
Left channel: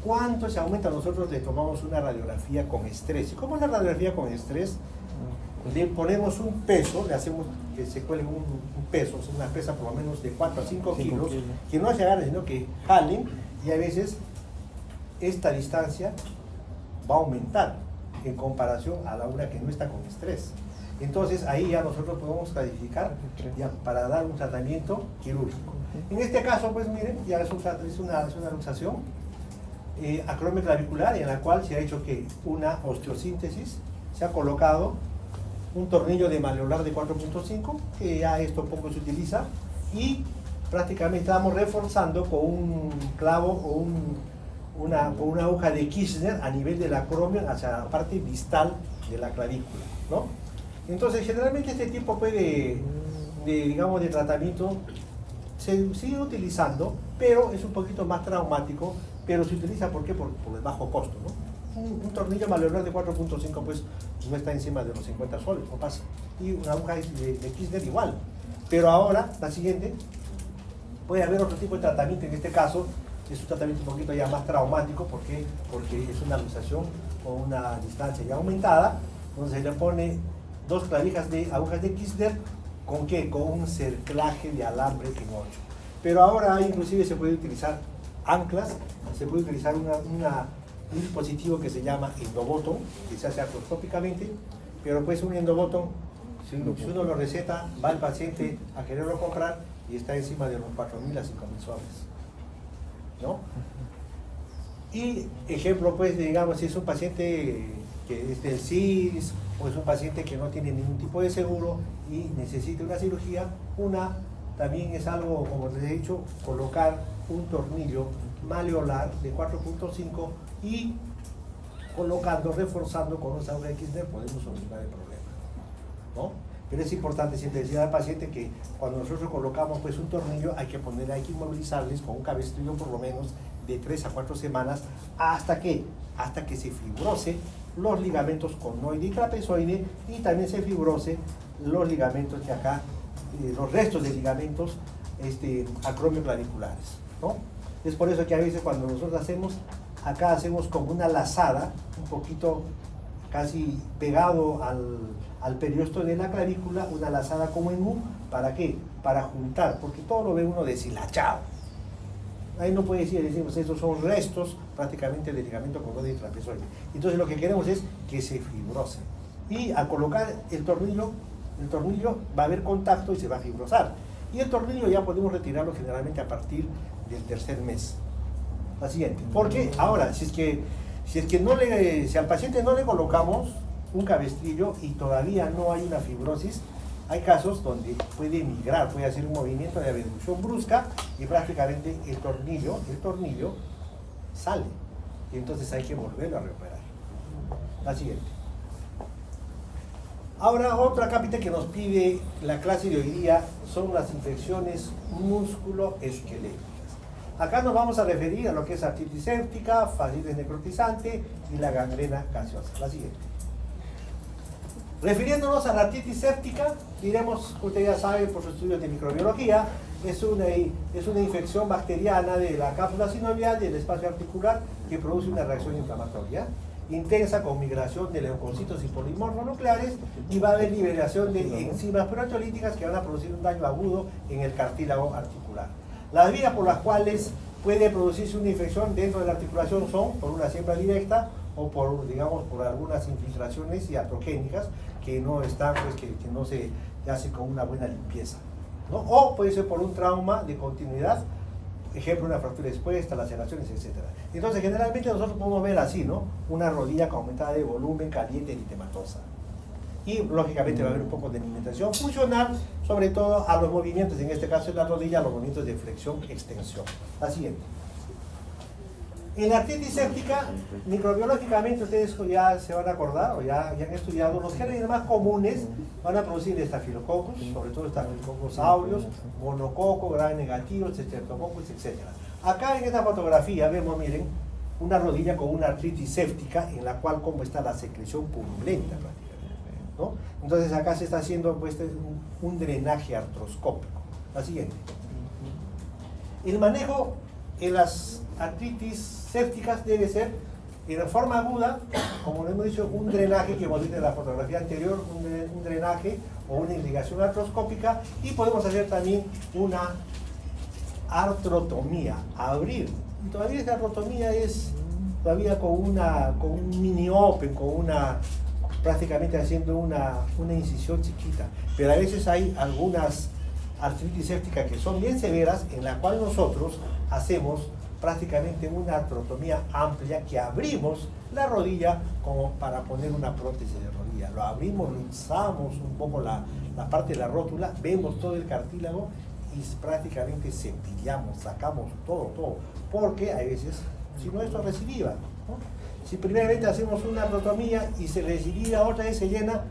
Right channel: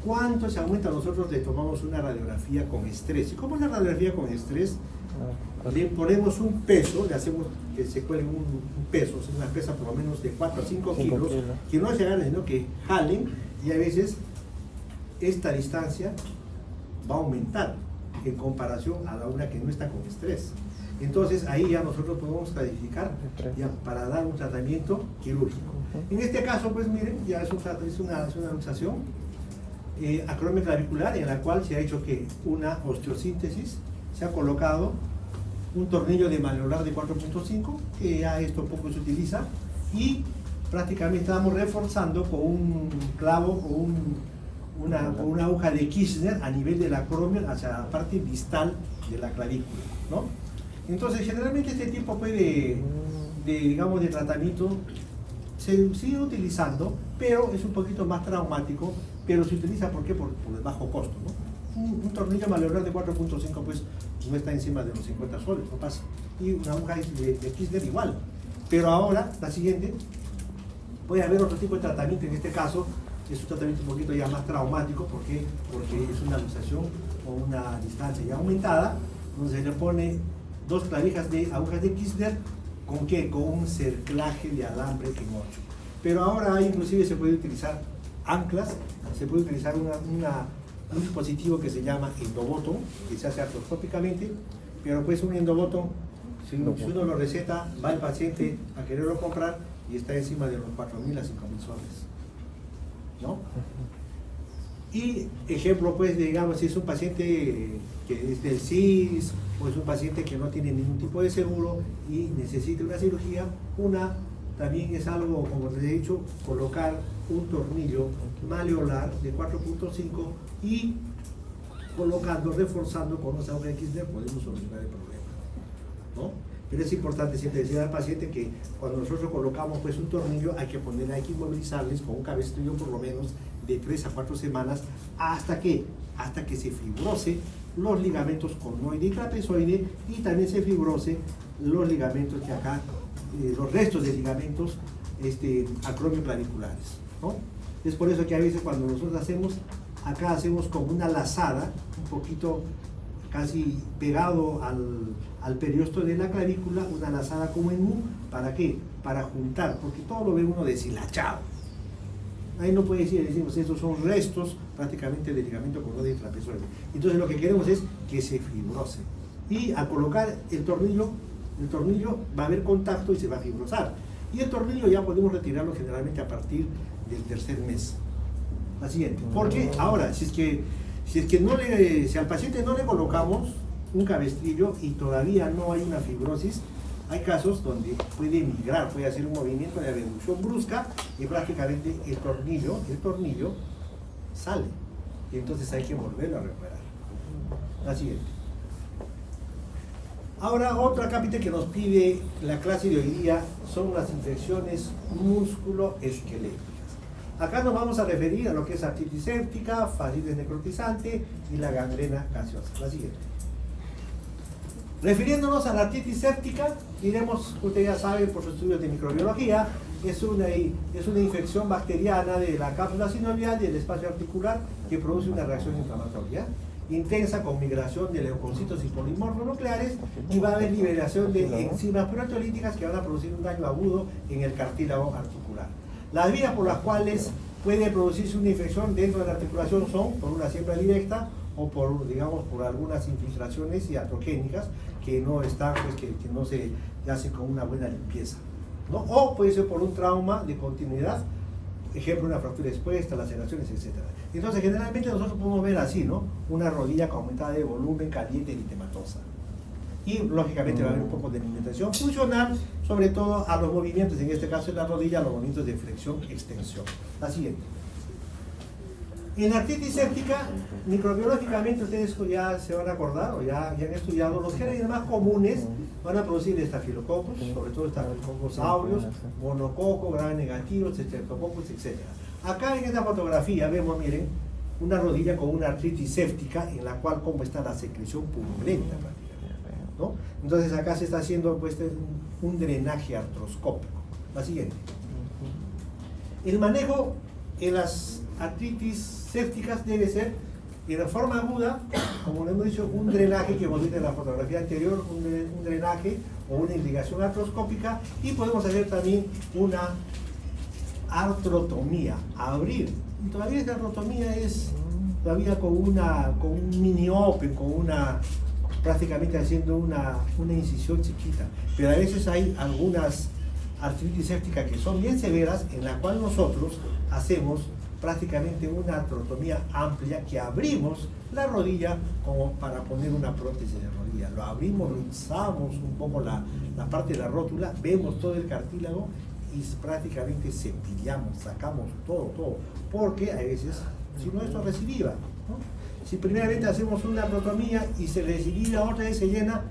cuánto se aumenta, nosotros le tomamos una radiografía con estrés. ¿Y cómo es la radiografía con estrés? Le ponemos un peso, le hacemos que se cuelgue un peso, o sea, una pesa por lo menos de 4 a 5 kilos, que no se agarren, sino que jalen, y a veces esta distancia va a aumentar en comparación a la una que no está con estrés. Entonces ahí ya nosotros podemos clasificar ya para dar un tratamiento quirúrgico. En este caso, pues miren, ya es una luxación acromio clavicular, en la cual se ha hecho que una osteosíntesis, se ha colocado un tornillo de maleolar de 4.5, que ya esto poco se utiliza, y prácticamente estamos reforzando con un clavo o una aguja de Kirchner a nivel del acromio hacia la parte distal de la clavícula, ¿no? Entonces, generalmente este tipo pues, digamos, de tratamiento se sigue utilizando, pero es un poquito más traumático, pero se utiliza ¿por qué? Por el bajo costo, ¿no? Un tornillo maleolar de 4.5 pues no está encima de los 50 soles, no pasa. Y una aguja de Kirchner igual. Pero ahora, la siguiente, puede haber otro tipo de tratamiento, en este caso es un tratamiento un poquito ya más traumático, porque es una luxación con una distancia ya aumentada, donde se le pone 2 clavijas de agujas de Kirchner, ¿con qué? Con un cerclaje de alambre en 8. Pero ahora inclusive se puede utilizar anclas, se puede utilizar un dispositivo que se llama endobotón, que se hace artroscópicamente, pero pues un endobotón, si uno lo receta, va el paciente a quererlo comprar y está encima de los 4.000 a 5.000 soles, ¿no? Y ejemplo, pues, digamos, si es un paciente que es del CIS o es un paciente que no tiene ningún tipo de seguro y necesita una cirugía, también es algo, como les he dicho, colocar un tornillo maleolar de 4.5 y colocando, reforzando con un agujas de Kirchner podemos solucionar el problema, ¿no? Pero es importante siempre decir al paciente que cuando nosotros colocamos pues un tornillo hay que inmovilizarles con un cabestrillo por lo menos de 3 a 4 semanas hasta que se fibrose los ligamentos conoide y trapezoide, y también se fibrose los ligamentos de acá, los restos de ligamentos acromio claviculares, ¿no? Es por eso que a veces cuando nosotros hacemos como una lazada, un poquito casi pegado al periósteo de la clavícula, una lazada como en U, ¿para qué? Para juntar, porque todo lo ve uno deshilachado. Ahí no puede decimos, estos son restos prácticamente del ligamento conoide y trapezoide. Entonces lo que queremos es que se fibrose. Y al colocar el tornillo va a haber contacto y se va a fibrosar. Y el tornillo ya podemos retirarlo generalmente a partir del 3er mes. La siguiente. Porque ahora, si al paciente no le colocamos un cabestrillo y todavía no hay una fibrosis, hay casos donde puede migrar, puede hacer un movimiento de abducción brusca y prácticamente el tornillo sale. Y entonces hay que volverlo a recuperar. La siguiente. Ahora, otra cápita que nos pide la clase de hoy día son las infecciones musculoesqueléticas. Acá nos vamos a referir a lo que es artritis séptica, fascitis necrotizante y la gangrena gaseosa. La siguiente. Refiriéndonos a la artritis séptica, diremos, usted ya sabe por sus estudios de microbiología, es una infección bacteriana de la cápsula sinovial del espacio articular que produce una reacción inflamatoria intensa con migración de leucocitos y polimorfonucleares, y va a haber liberación de enzimas proteolíticas que van a producir un daño agudo en el cartílago articular. Las vías por las cuales puede producirse una infección dentro de la articulación son por una siembra directa o por algunas infiltraciones iatrogénicas que no están, pues, que no se hace con una buena limpieza, ¿no? O puede ser por un trauma de continuidad, ejemplo, una fractura expuesta, laceraciones, etc. Entonces, generalmente nosotros podemos ver así, ¿no? Una rodilla con aumentada de volumen, caliente y eritematosa. Y lógicamente va a haber un poco de alimentación funcional, sobre todo a los movimientos, en este caso en la rodilla, los movimientos de flexión-extensión. La siguiente. En la artritis séptica, microbiológicamente ustedes ya se van a acordar o ya han estudiado, los genes más comunes van a producir estafilococos, sobre todo estafilococos aureus, monococo, gram negativos, streptococcus, etc. Acá en esta fotografía vemos, miren, una rodilla con una artritis séptica en la cual como está la secreción purulenta prácticamente, ¿no? Entonces acá se está haciendo pues un drenaje artroscópico. La siguiente. El manejo en las artritis sépticas debe ser en forma aguda, como hemos dicho, un drenaje, que hemos visto en la fotografía anterior, un drenaje o una irrigación artroscópica, y podemos hacer también una artrotomía, abrir. Y todavía esa artrotomía es todavía con un mini open, prácticamente haciendo una incisión chiquita. Pero a veces hay algunas artritis sépticas que son bien severas, en la cual nosotros hacemos prácticamente una artrotomía amplia, que abrimos la rodilla como para poner una prótesis de rodilla. Lo abrimos, lo usamos un poco la parte de la rótula, vemos todo el cartílago y prácticamente cepillamos, sacamos todo, porque a veces, si no, esto recidiva, ¿no? Si primeramente hacemos una artrotomía y se recidiva, otra vez se llena,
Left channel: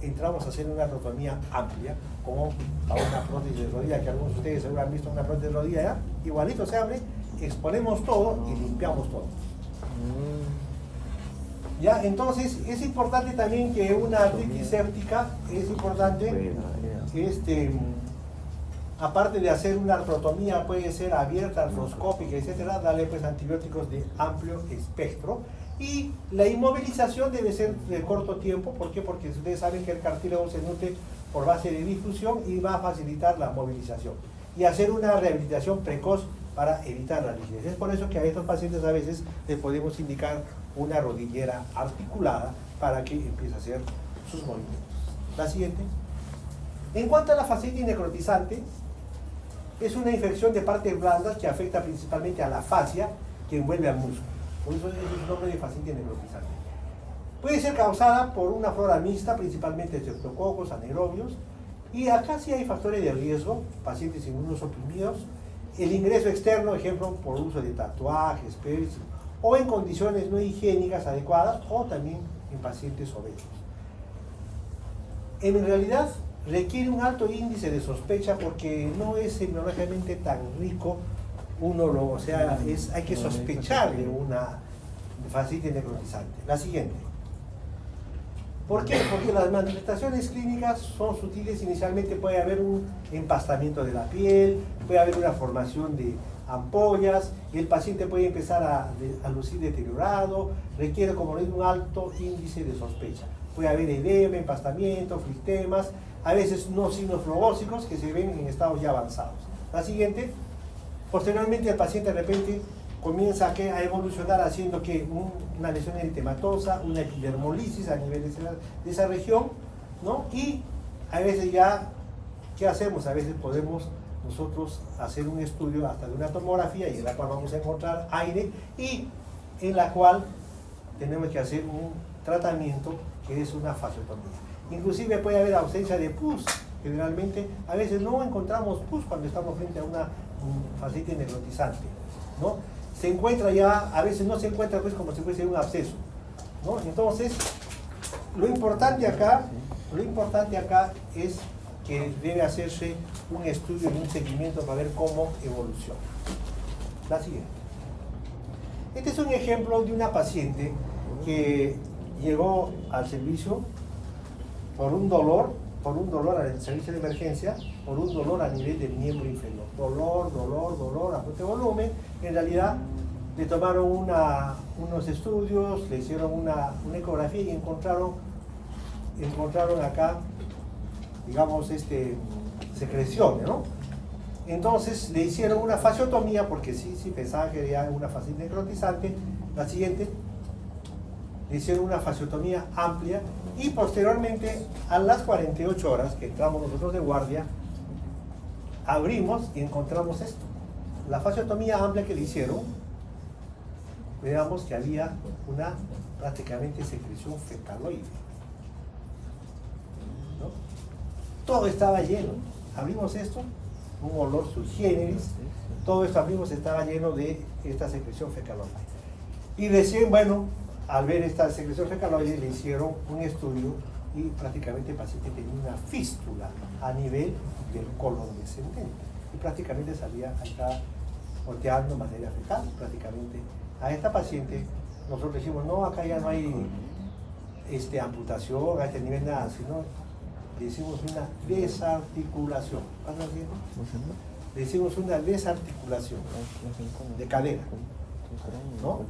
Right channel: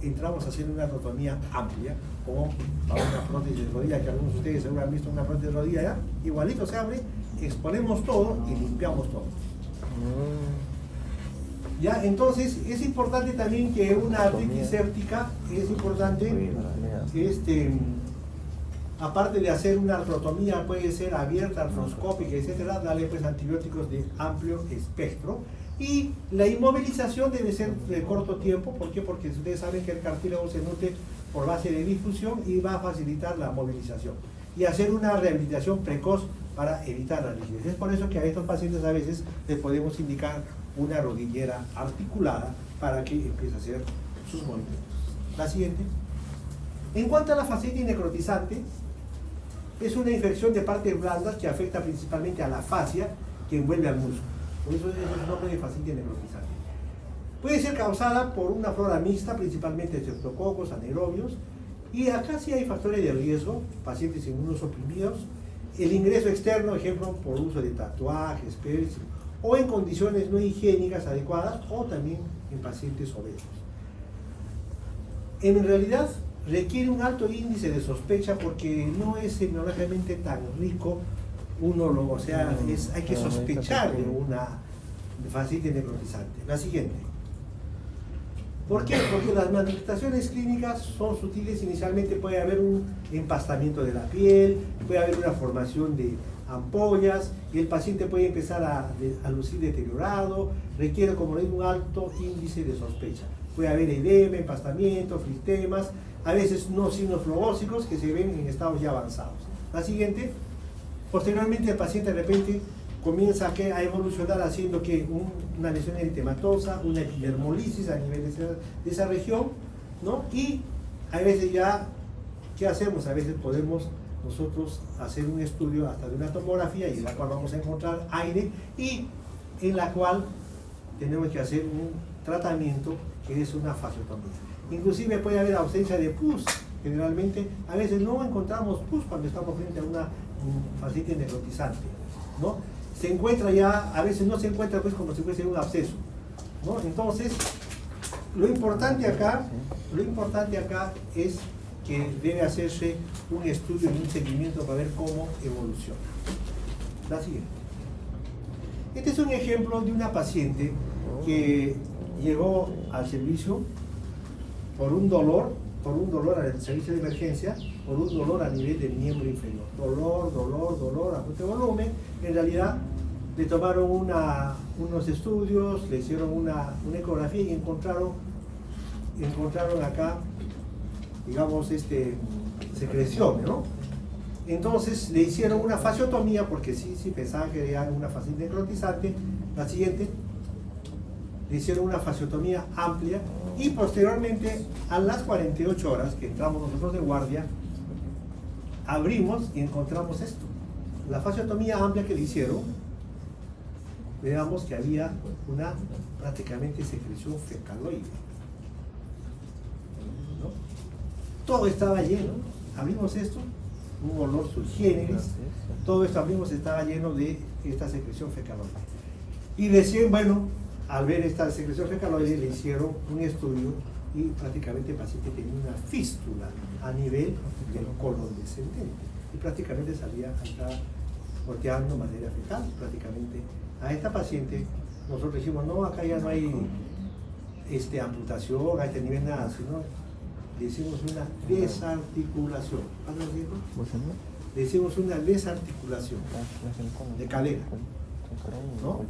entramos a hacer una artrotomía amplia, como a una prótesis de rodilla, que algunos de ustedes seguro han visto una prótesis de rodilla, ¿ya? Igualito se abre, exponemos todo y limpiamos todo. ¿Ya? Entonces es importante también que una artritis séptica, es importante, aparte de hacer una artrotomía, puede ser abierta, artroscópica, etcétera, darle pues antibióticos de amplio espectro. Y la inmovilización debe ser de corto tiempo. ¿Por qué? Porque ustedes saben que el cartílago se nutre por base de difusión y va a facilitar la movilización. Y hacer una rehabilitación precoz para evitar la rigidez. Es por eso que a estos pacientes a veces les podemos indicar una rodillera articulada para que empiece a hacer sus movimientos. La siguiente. En cuanto a la fascitis necrotizante, es una infección de partes blandas que afecta principalmente a la fascia que envuelve al músculo. Por eso es el nombre de fascitis necrotizante. Puede ser causada por una flora mixta, principalmente estreptococos, anaerobios, y acá sí hay factores de riesgo, pacientes inmunosuprimidos, el ingreso externo, ejemplo, por uso de tatuajes, piercing, o en condiciones no higiénicas adecuadas, o también en pacientes obesos. En realidad requiere un alto índice de sospecha porque no es semiológicamente tan rico, hay que sospechar de una fascitis necrotizante. La siguiente. ¿Por qué? Porque las manifestaciones clínicas son sutiles. Inicialmente puede haber un empastamiento de la piel, puede haber una formación de ampollas, y el paciente puede empezar a lucir deteriorado, requiere, como le digo, un alto índice de sospecha. Puede haber edema, empastamiento, flistemas, a veces no signos flebóxicos que se ven en estados ya avanzados. La siguiente. Posteriormente el paciente de repente comienza a evolucionar haciendo que una lesión eritematosa, una epidermolisis a nivel de esa región, ¿no? Y a veces ya, ¿qué hacemos? A veces podemos nosotros hacer un estudio hasta de una tomografía, y en la cual vamos a encontrar aire, y en la cual tenemos que hacer un tratamiento que es una fasciotomía. Inclusive puede haber ausencia de pus. Generalmente a veces no encontramos pus cuando estamos frente a una fascitis necrotizante, ¿no? Se encuentra ya, a veces no se encuentra pues como si fuese un absceso, ¿no? Entonces, lo importante acá es que debe hacerse un estudio y un seguimiento para ver cómo evoluciona. La siguiente. Este es un ejemplo de una paciente que llegó al servicio por un dolor al servicio de emergencia, por un dolor a nivel del miembro inferior. Dolor, a fuerte volumen. En realidad le tomaron unos estudios, le hicieron una ecografía y encontraron acá, digamos, secreciones, ¿no? Entonces le hicieron una fasciotomía porque sí pensaban que era una fascitis necrotizante. La siguiente. Le hicieron una fasciotomía amplia y posteriormente a las 48 horas que entramos nosotros de guardia, abrimos y encontramos esto. La fasciotomía amplia que le hicieron, veamos que había una prácticamente secreción fecaloide, ¿no? Todo estaba lleno. Abrimos esto, un olor sui generis, todo esto abrimos, estaba lleno de esta secreción fecaloide. Y decían, bueno, al ver esta secreción fecaloide le hicieron un estudio y prácticamente el paciente tenía una fístula a nivel del colon descendente y prácticamente salía acá volteando de manera fecal. Prácticamente a esta paciente nosotros decimos, no, acá ya no hay amputación a este nivel nada, sino le decimos una desarticulación. Le decimos una desarticulación de cadera, ¿no?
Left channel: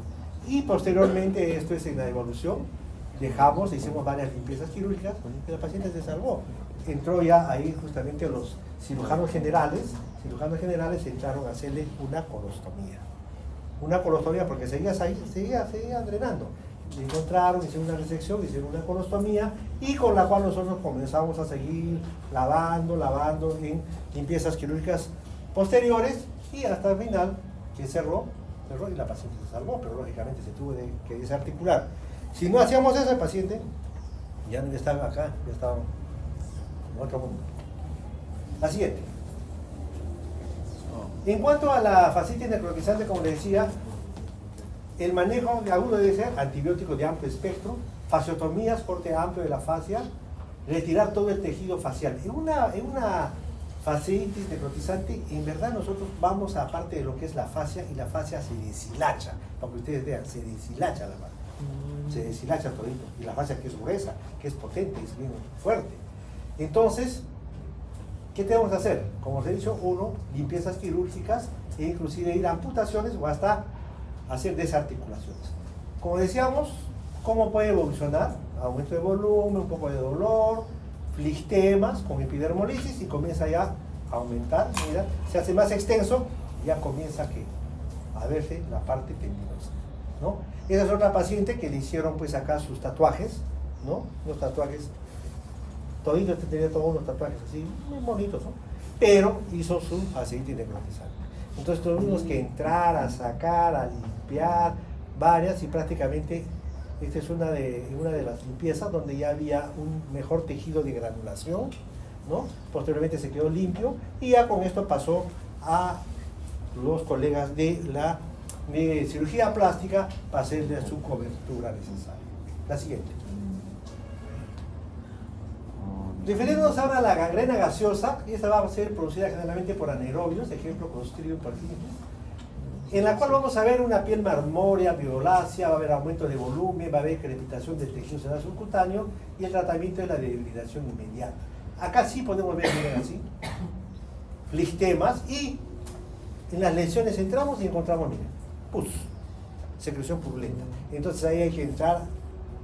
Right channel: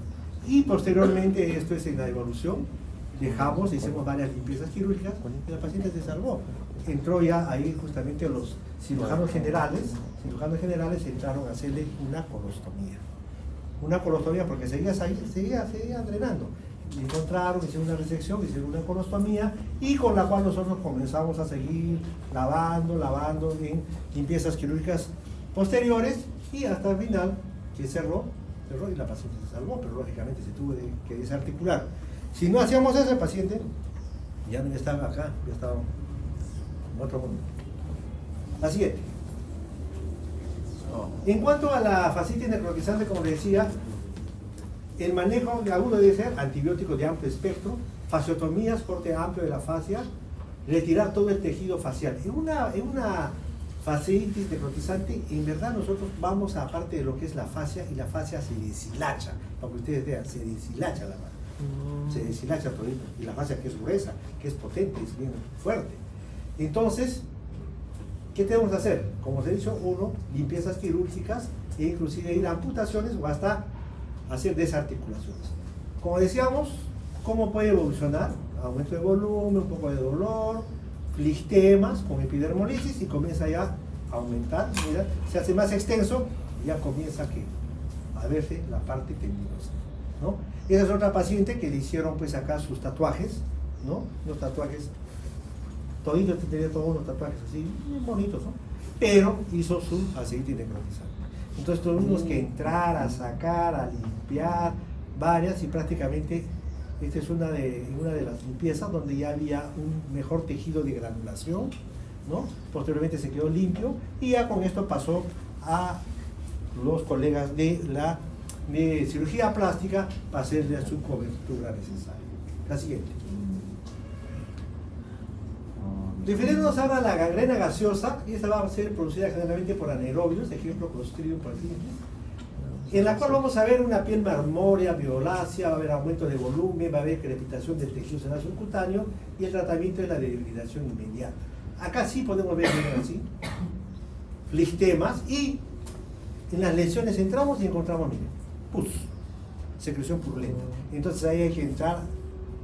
Y posteriormente, esto es en la evolución, hicimos varias limpiezas quirúrgicas y la paciente se salvó. Entró ya ahí justamente los cirujanos generales entraron a hacerle una colostomía. Una colostomía porque seguía drenando. Encontraron, hicieron una resección, hicieron una colostomía y con la cual nosotros comenzamos a seguir lavando en limpiezas quirúrgicas posteriores y hasta el final que cerró y la paciente se salvó, pero lógicamente se tuvo que desarticular. Si no hacíamos eso, el paciente ya no estaba acá, ya estaba en otro mundo. La siguiente. En cuanto a la fascitis necrotizante, como les decía, el manejo de agudo debe ser antibióticos de amplio espectro, fasciotomías, corte amplio de la fascia, retirar todo el tejido facial. En una fascitis necrotizante, en verdad nosotros vamos a parte de lo que es la fascia, y la fascia se deshilacha, para que ustedes vean, se deshilacha la mano. Se deshilacha todo, y la fascia que es gruesa, que es potente, es bien fuerte. Entonces, ¿qué tenemos que hacer? Como os he dicho, limpiezas quirúrgicas e inclusive ir a amputaciones o hasta hacer desarticulaciones. Como decíamos, ¿cómo puede evolucionar? Aumento de volumen, un poco de dolor, flistemas con epidermolisis y comienza ya a aumentar, mira, se hace más extenso, ya comienza a verse la parte tendinosa, ¿no? Esa es otra paciente que le hicieron pues acá sus tatuajes, ¿no? Los tatuajes, todito tenía todos unos tatuajes así, muy bonitos, ¿no? Pero hizo su aceite necrotizante. Entonces tuvimos que entrar a sacar, a limpiar varias y prácticamente esta es una de las limpiezas donde ya había un mejor tejido de granulación, ¿no? Posteriormente se quedó limpio y ya con esto pasó a los colegas de cirugía plástica para hacerle su cobertura necesaria. La siguiente. Refiriéndonos ahora a la gangrena gaseosa, y esta va a ser producida generalmente por anaerobios, ejemplo Clostridium perfringens, en la cual vamos a ver una piel marmórea, violácea, va a haber aumento de volumen, va a haber crepitación del tejido celular subcutáneo y el tratamiento de la debilitación inmediata. Acá sí podemos ver, miren así, flistemas, y en las lesiones entramos y encontramos, miren, pus, secreción purulenta. Entonces ahí hay que entrar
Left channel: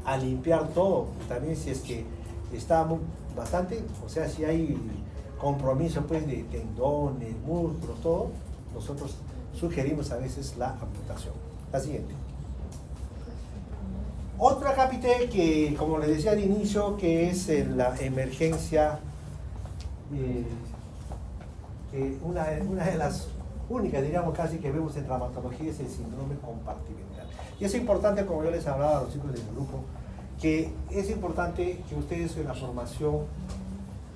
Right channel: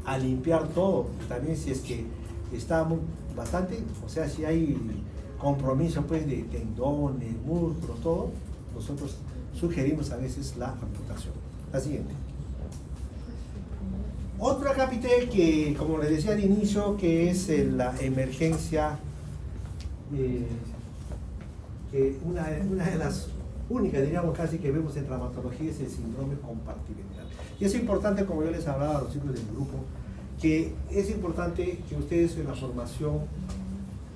a limpiar todo, también si es que está bastante, o sea, si hay compromiso pues de tendones, músculos, todo, nosotros sugerimos a veces la amputación. La siguiente. Otra capitel que, como les decía al inicio, que es la emergencia, que una de las únicas, diríamos casi, que vemos en traumatología es el síndrome compartimental. Y es importante, como yo les hablaba a los chicos del grupo, que es importante que ustedes en la formación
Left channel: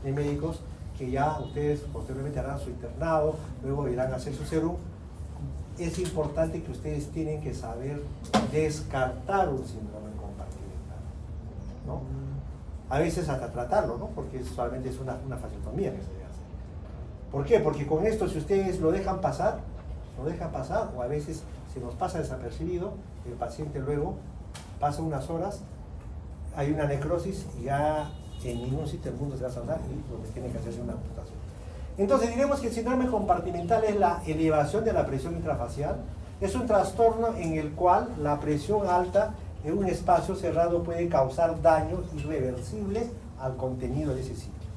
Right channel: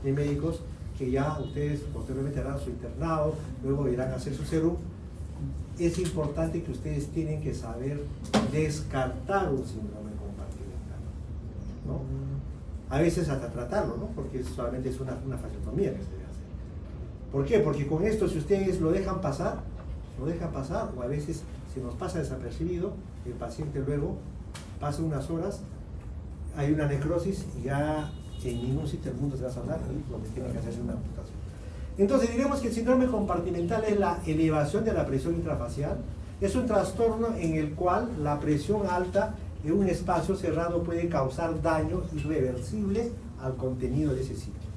de médicos, que ya ustedes posteriormente harán su internado, luego irán a hacer su serum, es importante que ustedes tienen que saber descartar un síndrome compartimental, ¿no? A veces hasta tratarlo, ¿no? Porque solamente es una fasciotomía que se debe hacer. ¿Por qué? Porque con esto, si ustedes lo dejan pasar, o a veces se nos pasa desapercibido, el paciente luego pasa unas horas, hay una necrosis y ya en ningún sitio del mundo se va a sanar y donde tiene que hacerse una amputación. Entonces diremos que el síndrome compartimental es la elevación de la presión intrafacial. Es un trastorno en el cual la presión alta en un espacio cerrado puede causar daño irreversible al contenido de ese sitio.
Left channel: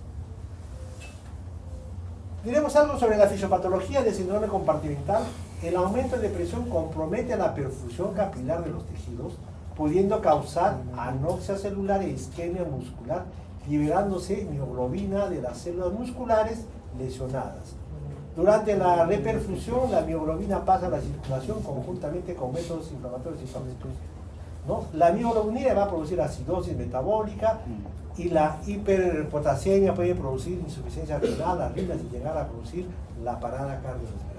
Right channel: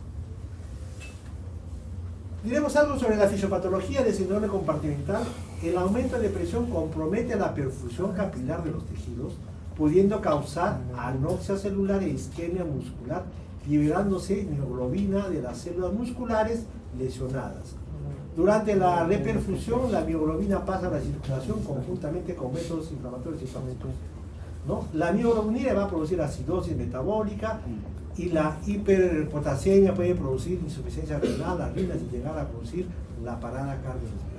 Diremos algo sobre la fisiopatología del síndrome compartimental. El aumento de presión compromete la perfusión capilar de los tejidos, pudiendo causar anoxia celular e isquemia muscular, liberándose mioglobina de las células musculares lesionadas. Durante la reperfusión, la mioglobina pasa a la circulación conjuntamente con métodos inflamatorios y citotóxicos, ¿no? La mioglobina va a producir acidosis metabólica y la hiperpotasemia puede producir insuficiencia renal, arritmias y llegar a producir la parada cardiorrespiratoria.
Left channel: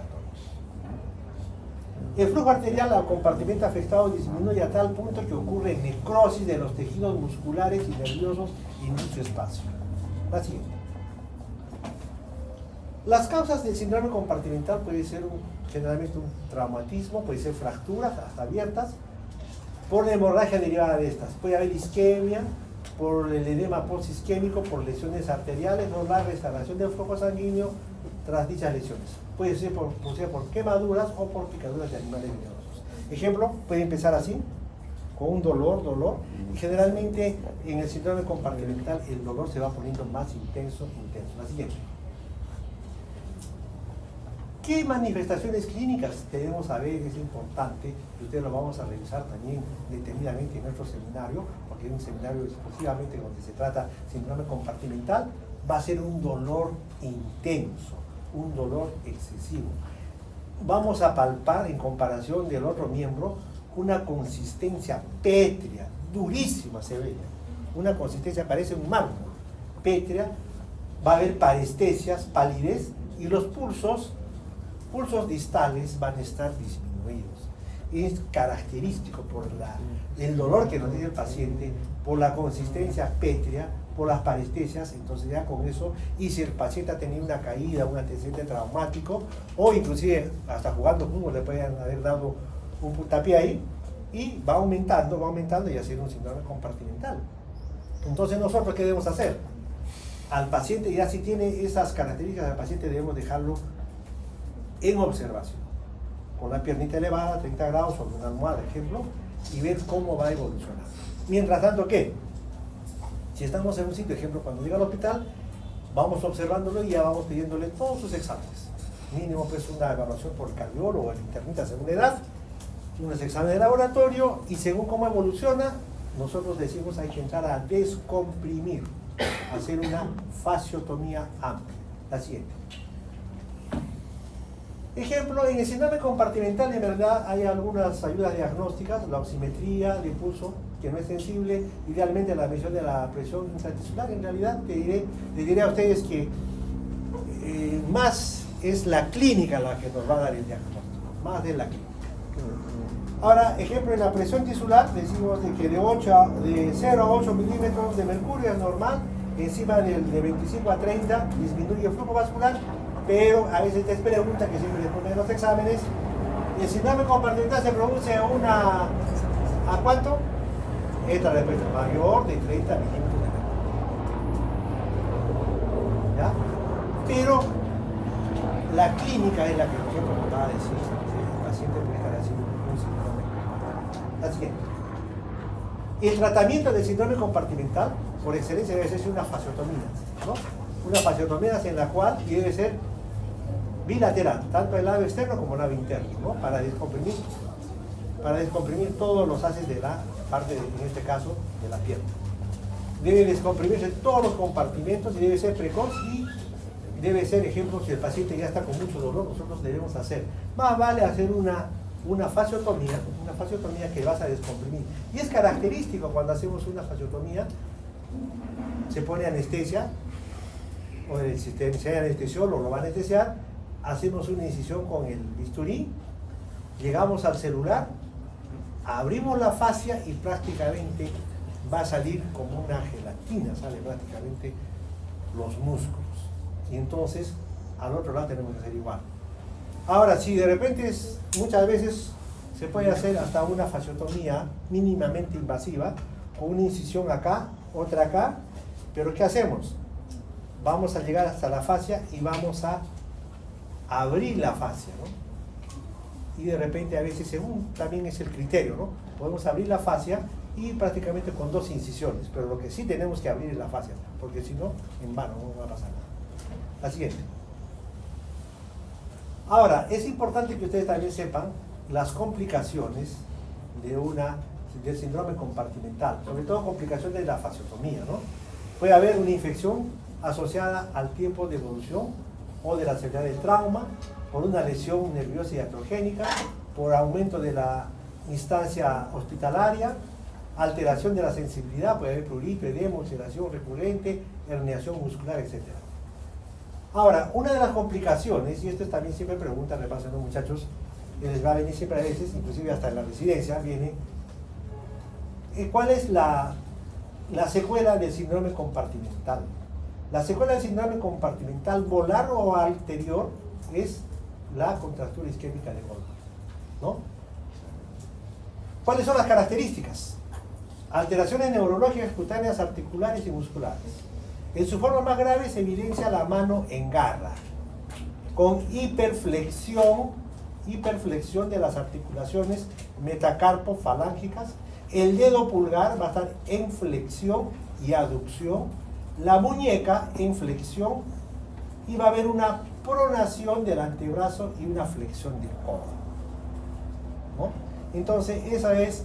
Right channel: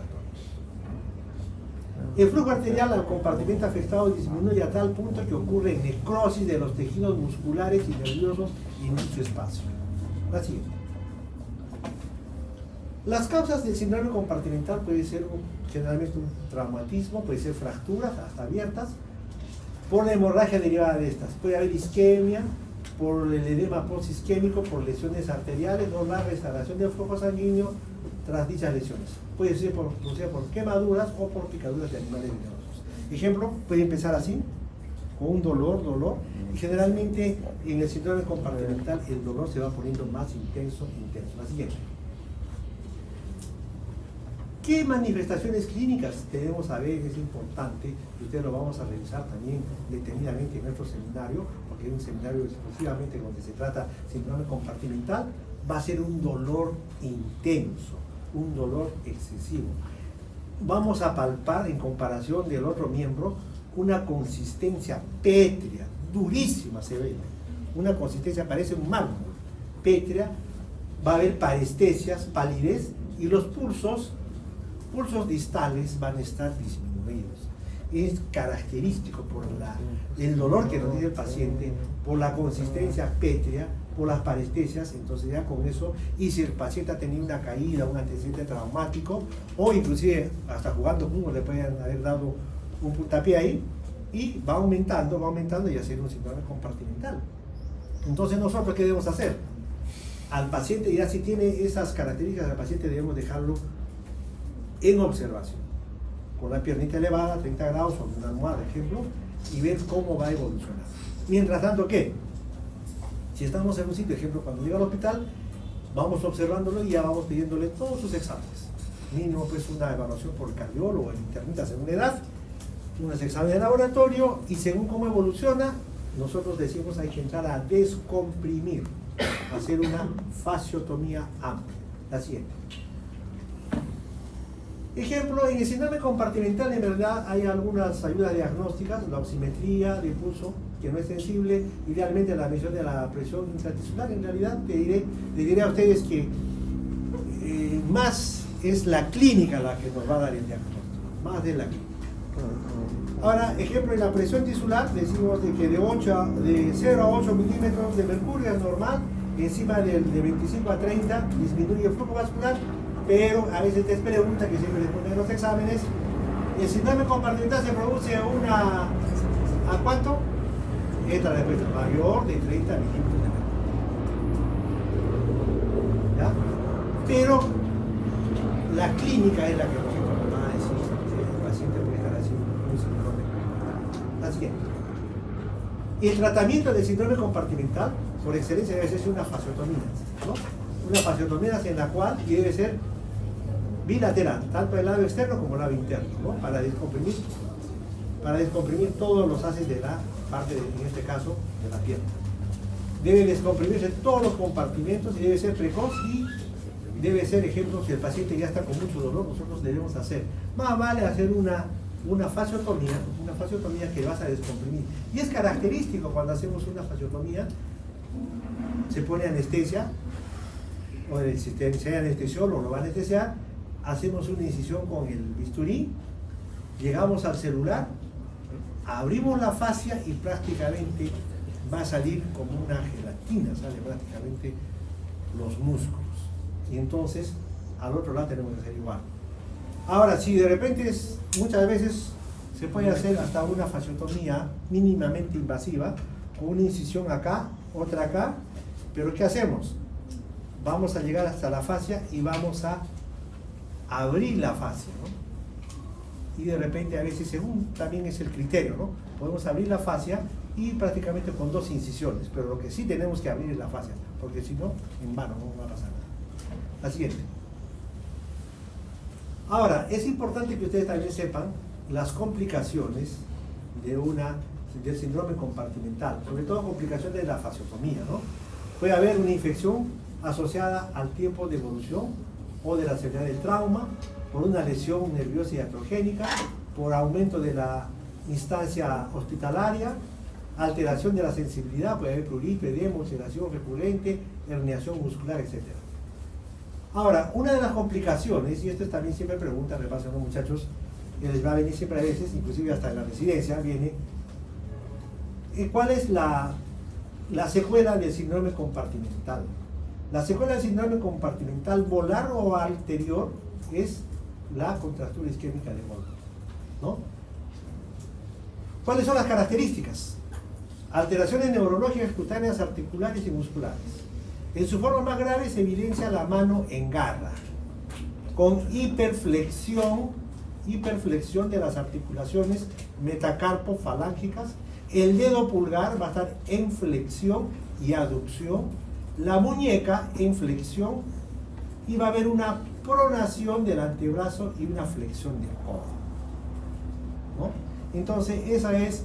El flujo arterial al compartimento afectado disminuye a tal punto que ocurre necrosis de los tejidos musculares y nerviosos en dicho espacio. La siguiente. Las causas del síndrome compartimental pueden ser generalmente un traumatismo, puede ser fracturas hasta abiertas, por la hemorragia derivada de estas. Puede haber isquemia, por el edema posisquémico, por lesiones arteriales o la restauración del flujo sanguíneo tras dichas lesiones. Puede ser por quemaduras o por picaduras de animales venenosos. Ejemplo, puede empezar así, con un dolor, y generalmente en el síndrome compartimental el dolor se va poniendo más intenso. La siguiente. ¿Qué manifestaciones clínicas debemos saber? Es importante, y ustedes lo vamos a revisar también detenidamente en nuestro seminario, porque es un seminario exclusivamente donde se trata síndrome compartimental. Va a ser un dolor intenso, un dolor excesivo. Vamos a palpar, en comparación del otro miembro, una consistencia pétrea, durísima se ve, una consistencia parece un mármol, pétrea. Va a haber parestesias, palidez, y los pulsos distales van a estar disminuidos. Es característico por el dolor que nos tiene el paciente, por la consistencia pétrea, por las parestesias. Entonces ya con eso, y si el paciente ha tenido una caída, un antecedente traumático, o inclusive hasta jugando fútbol le pueden haber dado un puntapié ahí, y va aumentando y hacer un síndrome compartimental. Entonces nosotros, ¿qué debemos hacer? Al paciente, ya si tiene esas características, al paciente debemos dejarlo en observación, con la piernita elevada, 30 grados sobre una almohada, ejemplo, y ver cómo va a evolucionar. Mientras tanto, ¿qué? Si estamos en un sitio, ejemplo, cuando llega al hospital, vamos observándolo y ya vamos pidiéndole todos sus exámenes. Mínimo, pues, una evaluación por el cardiólogo o el internista según la edad, unos exámenes de laboratorio, y según cómo evoluciona, nosotros decimos hay que entrar a descomprimir, hacer una fasciotomía amplia. La siguiente. Ejemplo, en el síndrome compartimental en verdad hay algunas ayudas diagnósticas, la oximetría de pulso, que no es sensible, idealmente la medición de la presión intratisular. En realidad le diré a ustedes que más es la clínica la que nos va a dar el diagnóstico, más de la clínica. Ahora, ejemplo, en la presión tisular decimos de que de 0 a 8 milímetros de mercurio es normal, encima de 25 a 30 disminuye el flujo vascular, pero a veces te pregunta, que siempre les ponen en los exámenes, el síndrome compartimental se produce ¿a cuánto? Esta respuesta, mayor de 30 milímetros de mercurio. ¿Ya? Pero la clínica es la que nosotros nos va a decir si el paciente puede dejar así un síndrome compartimental. La siguiente. El tratamiento del síndrome compartimental, por excelencia, debe ser una fasciotomía, ¿no? Una fasciotomía en la cual debe ser bilateral, tanto el lado externo como el lado interno, ¿no? Para descomprimir todos los haces de la parte, en este caso, de la pierna. Debe descomprimirse todos los compartimentos y debe ser precoz, y debe ser, ejemplo, si el paciente ya está con mucho dolor, nosotros debemos hacer. Más vale hacer una fasciotomía que vas a descomprimir. Y es característico cuando hacemos una fasciotomía, se pone anestesia, o si hay anestesiólogo lo va a anestesiar, hacemos una incisión con el bisturí, llegamos al celular, abrimos la fascia y prácticamente va a salir como una gelatina, sale prácticamente los músculos. Y entonces al otro lado tenemos que hacer igual. Ahora, si de repente muchas veces se puede hacer hasta una fasciotomía mínimamente invasiva, con una incisión acá, otra acá, pero ¿qué hacemos? Vamos a llegar hasta la fascia y vamos a abrir la fascia, ¿no? Y de repente a veces, según también es el criterio, ¿no? Podemos abrir la fascia y prácticamente con 2 incisiones, pero lo que sí tenemos que abrir es la fascia, porque si no, en vano, no va a pasar nada. La siguiente. Ahora, es importante que ustedes también sepan las complicaciones del síndrome compartimental, sobre todo complicaciones de la fasciotomía, ¿no? Puede haber una infección asociada al tiempo de evolución o de la severidad del trauma, por una lesión nerviosa y iatrogénica, por aumento de la instancia hospitalaria, alteración de la sensibilidad, puede haber prurito, edema, ulceración recurrente, herniación muscular, etc. Ahora, una de las complicaciones, y esto también siempre preguntan, me pasan los muchachos, que les va a venir siempre a veces, inclusive hasta en la residencia, viene, ¿cuál es la secuela del síndrome compartimental? La secuela del síndrome compartimental volar o anterior es la contractura isquémica de golpe, ¿no? ¿Cuáles son las características? alteraciones neurológicas cutáneas articulares y musculares. En su forma más grave se evidencia la mano en garra, con hiperflexión de las articulaciones metacarpo-falángicas. El dedo pulgar va a estar en flexión y aducción, la muñeca en flexión, y va a haber una pronación del antebrazo y una flexión del codo, ¿no? Entonces esa es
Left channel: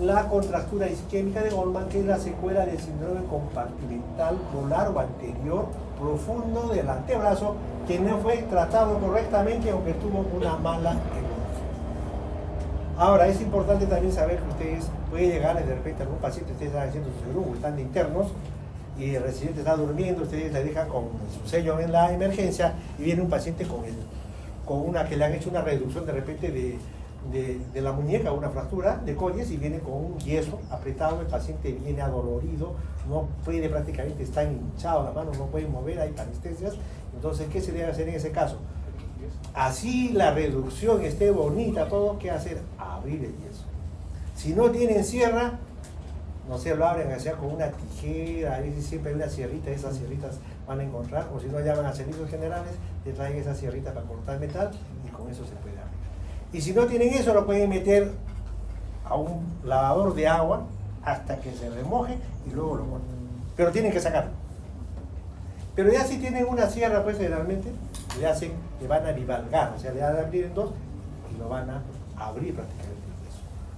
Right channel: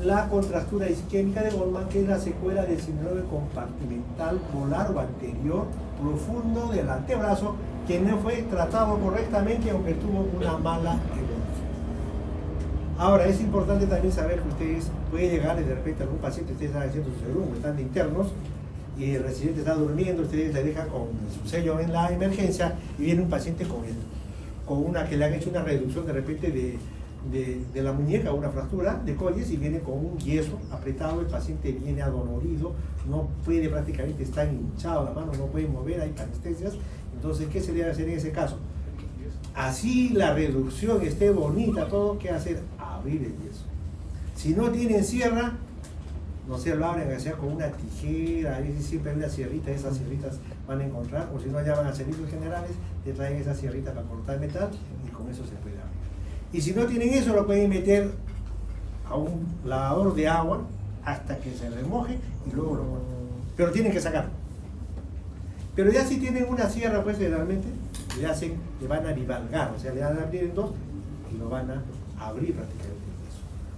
la contractura isquémica de Goldman, que es la secuela del síndrome compartimental molar o anterior profundo del antebrazo, que no fue tratado correctamente aunque tuvo una mala evolución. Ahora, es importante también saber que ustedes pueden llegar de repente a algún paciente, ustedes están haciendo su seguro, están de internos, y el residente está durmiendo, ustedes le dejan con su sello en la emergencia, y viene un paciente con una que le han hecho una reducción de repente de la muñeca, una fractura de colles, y viene con un yeso apretado. El paciente viene adolorido, no puede, prácticamente está hinchado la mano, no puede mover, hay anestesias. Entonces, ¿qué se debe hacer en ese caso? Así la reducción esté bonita, todo, ¿qué hacer? Abrir el yeso. Si no tienen sierra, no se lo abren, sea con una tijera, a veces siempre hay una sierrita, esas sierritas van a encontrar, o si no llaman a servicios generales, le traen esas sierritas para cortar metal y con eso se puede abrir. Y si no tienen eso, lo pueden meter a un lavador de agua hasta que se remoje y luego lo cortan. Pero tienen que sacarlo. Pero ya si tienen una sierra, pues generalmente le van a bivalgar, o sea, le van a abrir en dos y lo van a abrir prácticamente.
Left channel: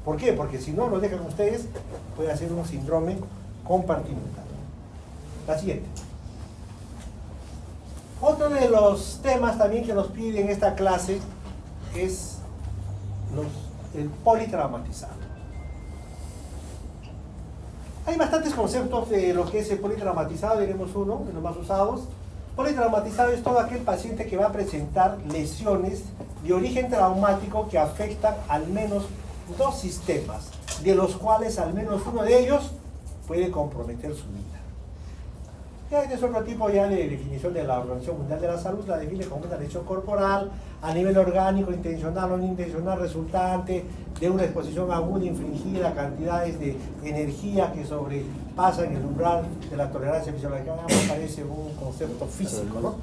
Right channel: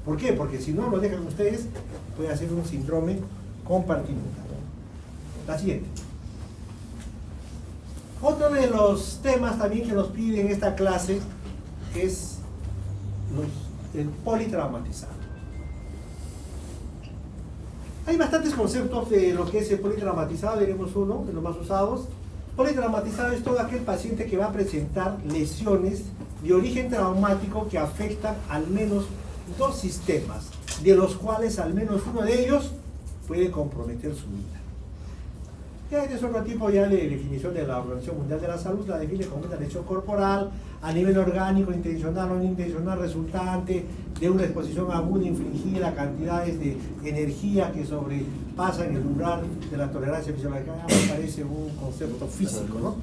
¿Por qué? Porque si no lo dejan ustedes, puede hacer un síndrome compartimental. La siguiente. Otro de los temas también que nos piden en esta clase es el politraumatizado. Hay bastantes conceptos de lo que es el politraumatizado, diremos uno de los más usados. Politraumatizado es todo aquel paciente que va a presentar lesiones de origen traumático que afectan al menos dos sistemas, de los cuales al menos uno de ellos puede comprometer su vida. Ya este es otro tipo ya de definición de la Organización Mundial de la Salud, la define como una lesión corporal a nivel orgánico, intencional o no intencional, resultante de una exposición aguda infligida a cantidades de energía que sobrepasan el umbral de la tolerancia fisiológica. Me parece un concepto físico, ¿no?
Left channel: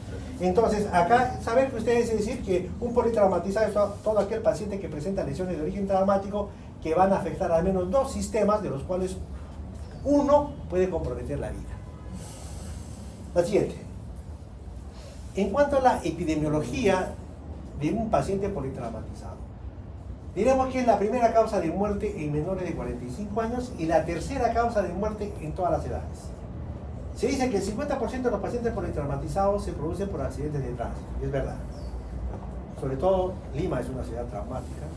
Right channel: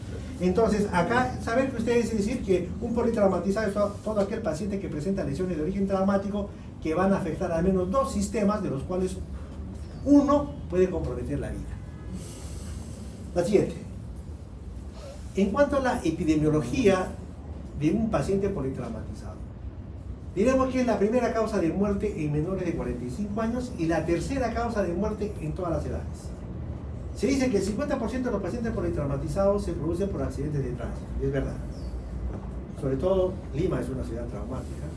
Entonces, acá, saber que ustedes decir que un politraumatizado es todo aquel paciente que presenta lesiones de origen traumático que van a afectar al menos dos sistemas, de los cuales uno puede comprometer la vida. La siguiente. En cuanto a la epidemiología de un paciente politraumatizado, diremos que es la primera causa de muerte en menores de 45 años y la tercera causa de muerte en todas las edades. Se dice que el 50% de los pacientes politraumatizados se producen por accidentes de tránsito, y es verdad. Sobre todo Lima es una ciudad traumática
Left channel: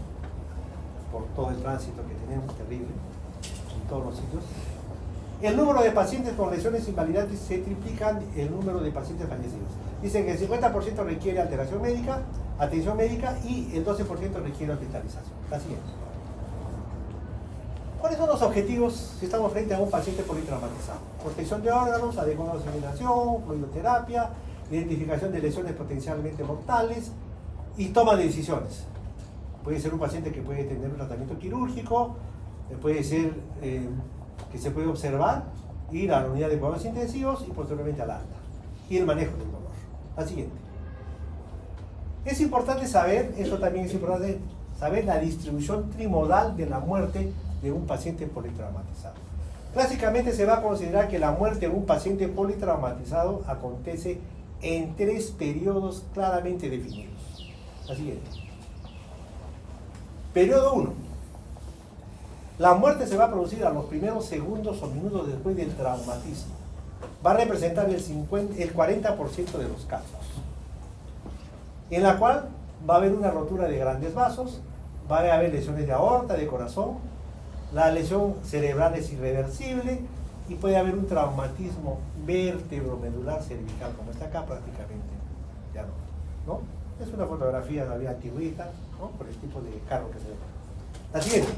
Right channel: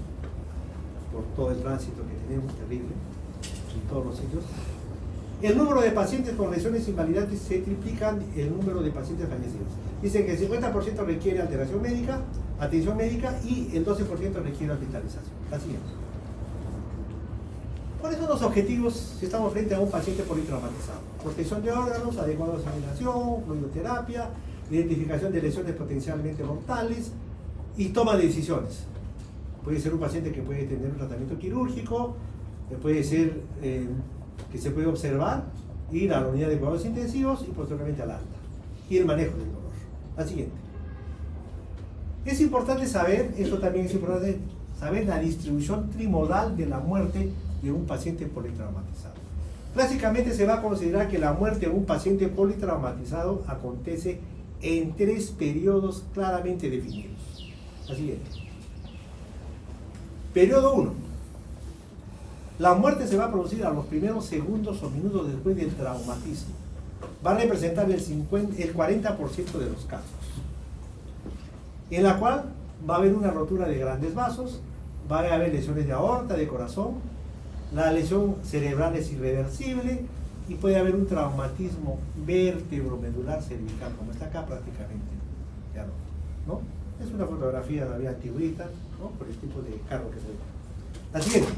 por todo el tránsito que tenemos, terrible, en todos los sitios. El número de pacientes con lesiones invalidantes se triplican el número de pacientes fallecidos. Dicen que el 50% requiere alteración médica, atención médica, y el 12% requiere hospitalización. Así es. ¿Cuáles son los objetivos si estamos frente a un paciente politraumatizado? Protección de órganos, adecuada oxigenación, fluidoterapia, identificación de lesiones potencialmente mortales y toma de decisiones. Puede ser un paciente que puede tener un tratamiento quirúrgico, puede ser que se puede observar, ir a la unidad de cuidados intensivos y posteriormente al alta. Y el manejo del dolor. La siguiente. Es importante saber, eso también es importante, saber la distribución trimodal de la muerte de un paciente politraumatizado. Clásicamente se va a considerar que la muerte de un paciente politraumatizado acontece en 3 periodos claramente definidos. La siguiente. Periodo 1. La muerte se va a producir a los primeros segundos o minutos después del traumatismo. Va a representar el 40% de los casos, en la cual va a haber una rotura de grandes vasos, va a haber lesiones de aorta, de corazón, la lesión cerebral es irreversible y puede haber un traumatismo vértebro-medular cervical, como está acá prácticamente. Ya no. Es una fotografía de la vía antigüita, ¿no? Por el tipo de carro que se ve. La siguiente.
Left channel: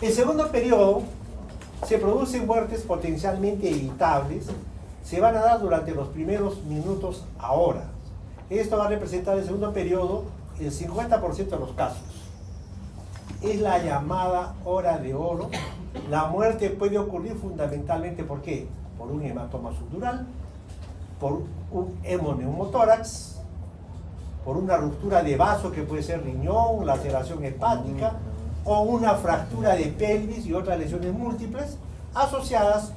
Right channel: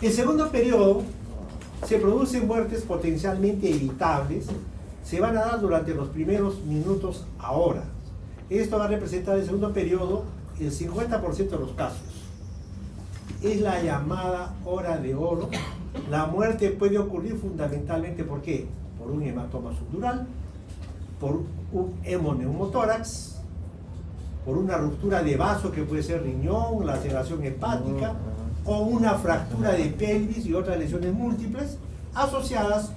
El segundo periodo se producen muertes potencialmente evitables, se van a dar durante los primeros minutos a horas. Esto va a representar el segundo periodo el 50% de los casos. es la llamada hora de oro. La muerte puede ocurrir fundamentalmente, ¿por qué? Por un hematoma subdural, por un hemoneumotórax, por una ruptura de vaso que puede ser riñón, laceración hepática, o una fractura de pelvis y otras lesiones múltiples asociadas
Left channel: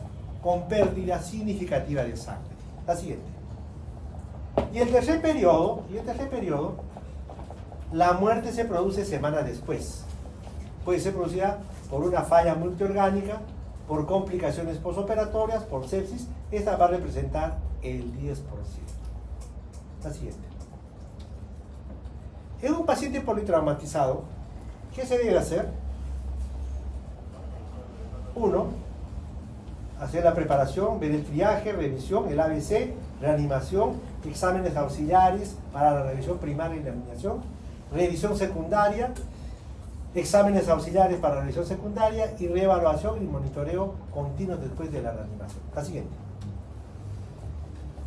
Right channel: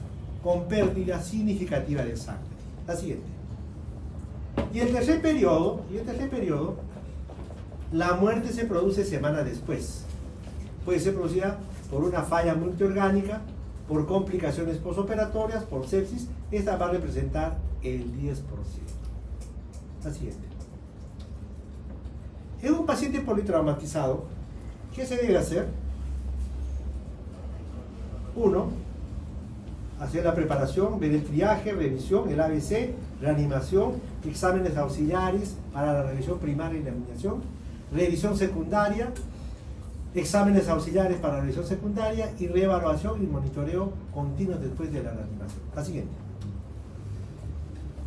con pérdida significativa de sangre. La siguiente. Y el tercer periodo, la muerte se produce semanas después. Puede ser producida por una falla multiorgánica, por complicaciones posoperatorias, por sepsis. Esta va a representar el 10%. La siguiente. En un paciente politraumatizado, ¿qué se debe hacer? 1. Hacer la preparación, ver el triaje, revisión, el ABC, reanimación, exámenes auxiliares para la revisión primaria y la eliminación, revisión secundaria, exámenes auxiliares para la revisión secundaria y reevaluación y monitoreo continuo después de la reanimación. La siguiente.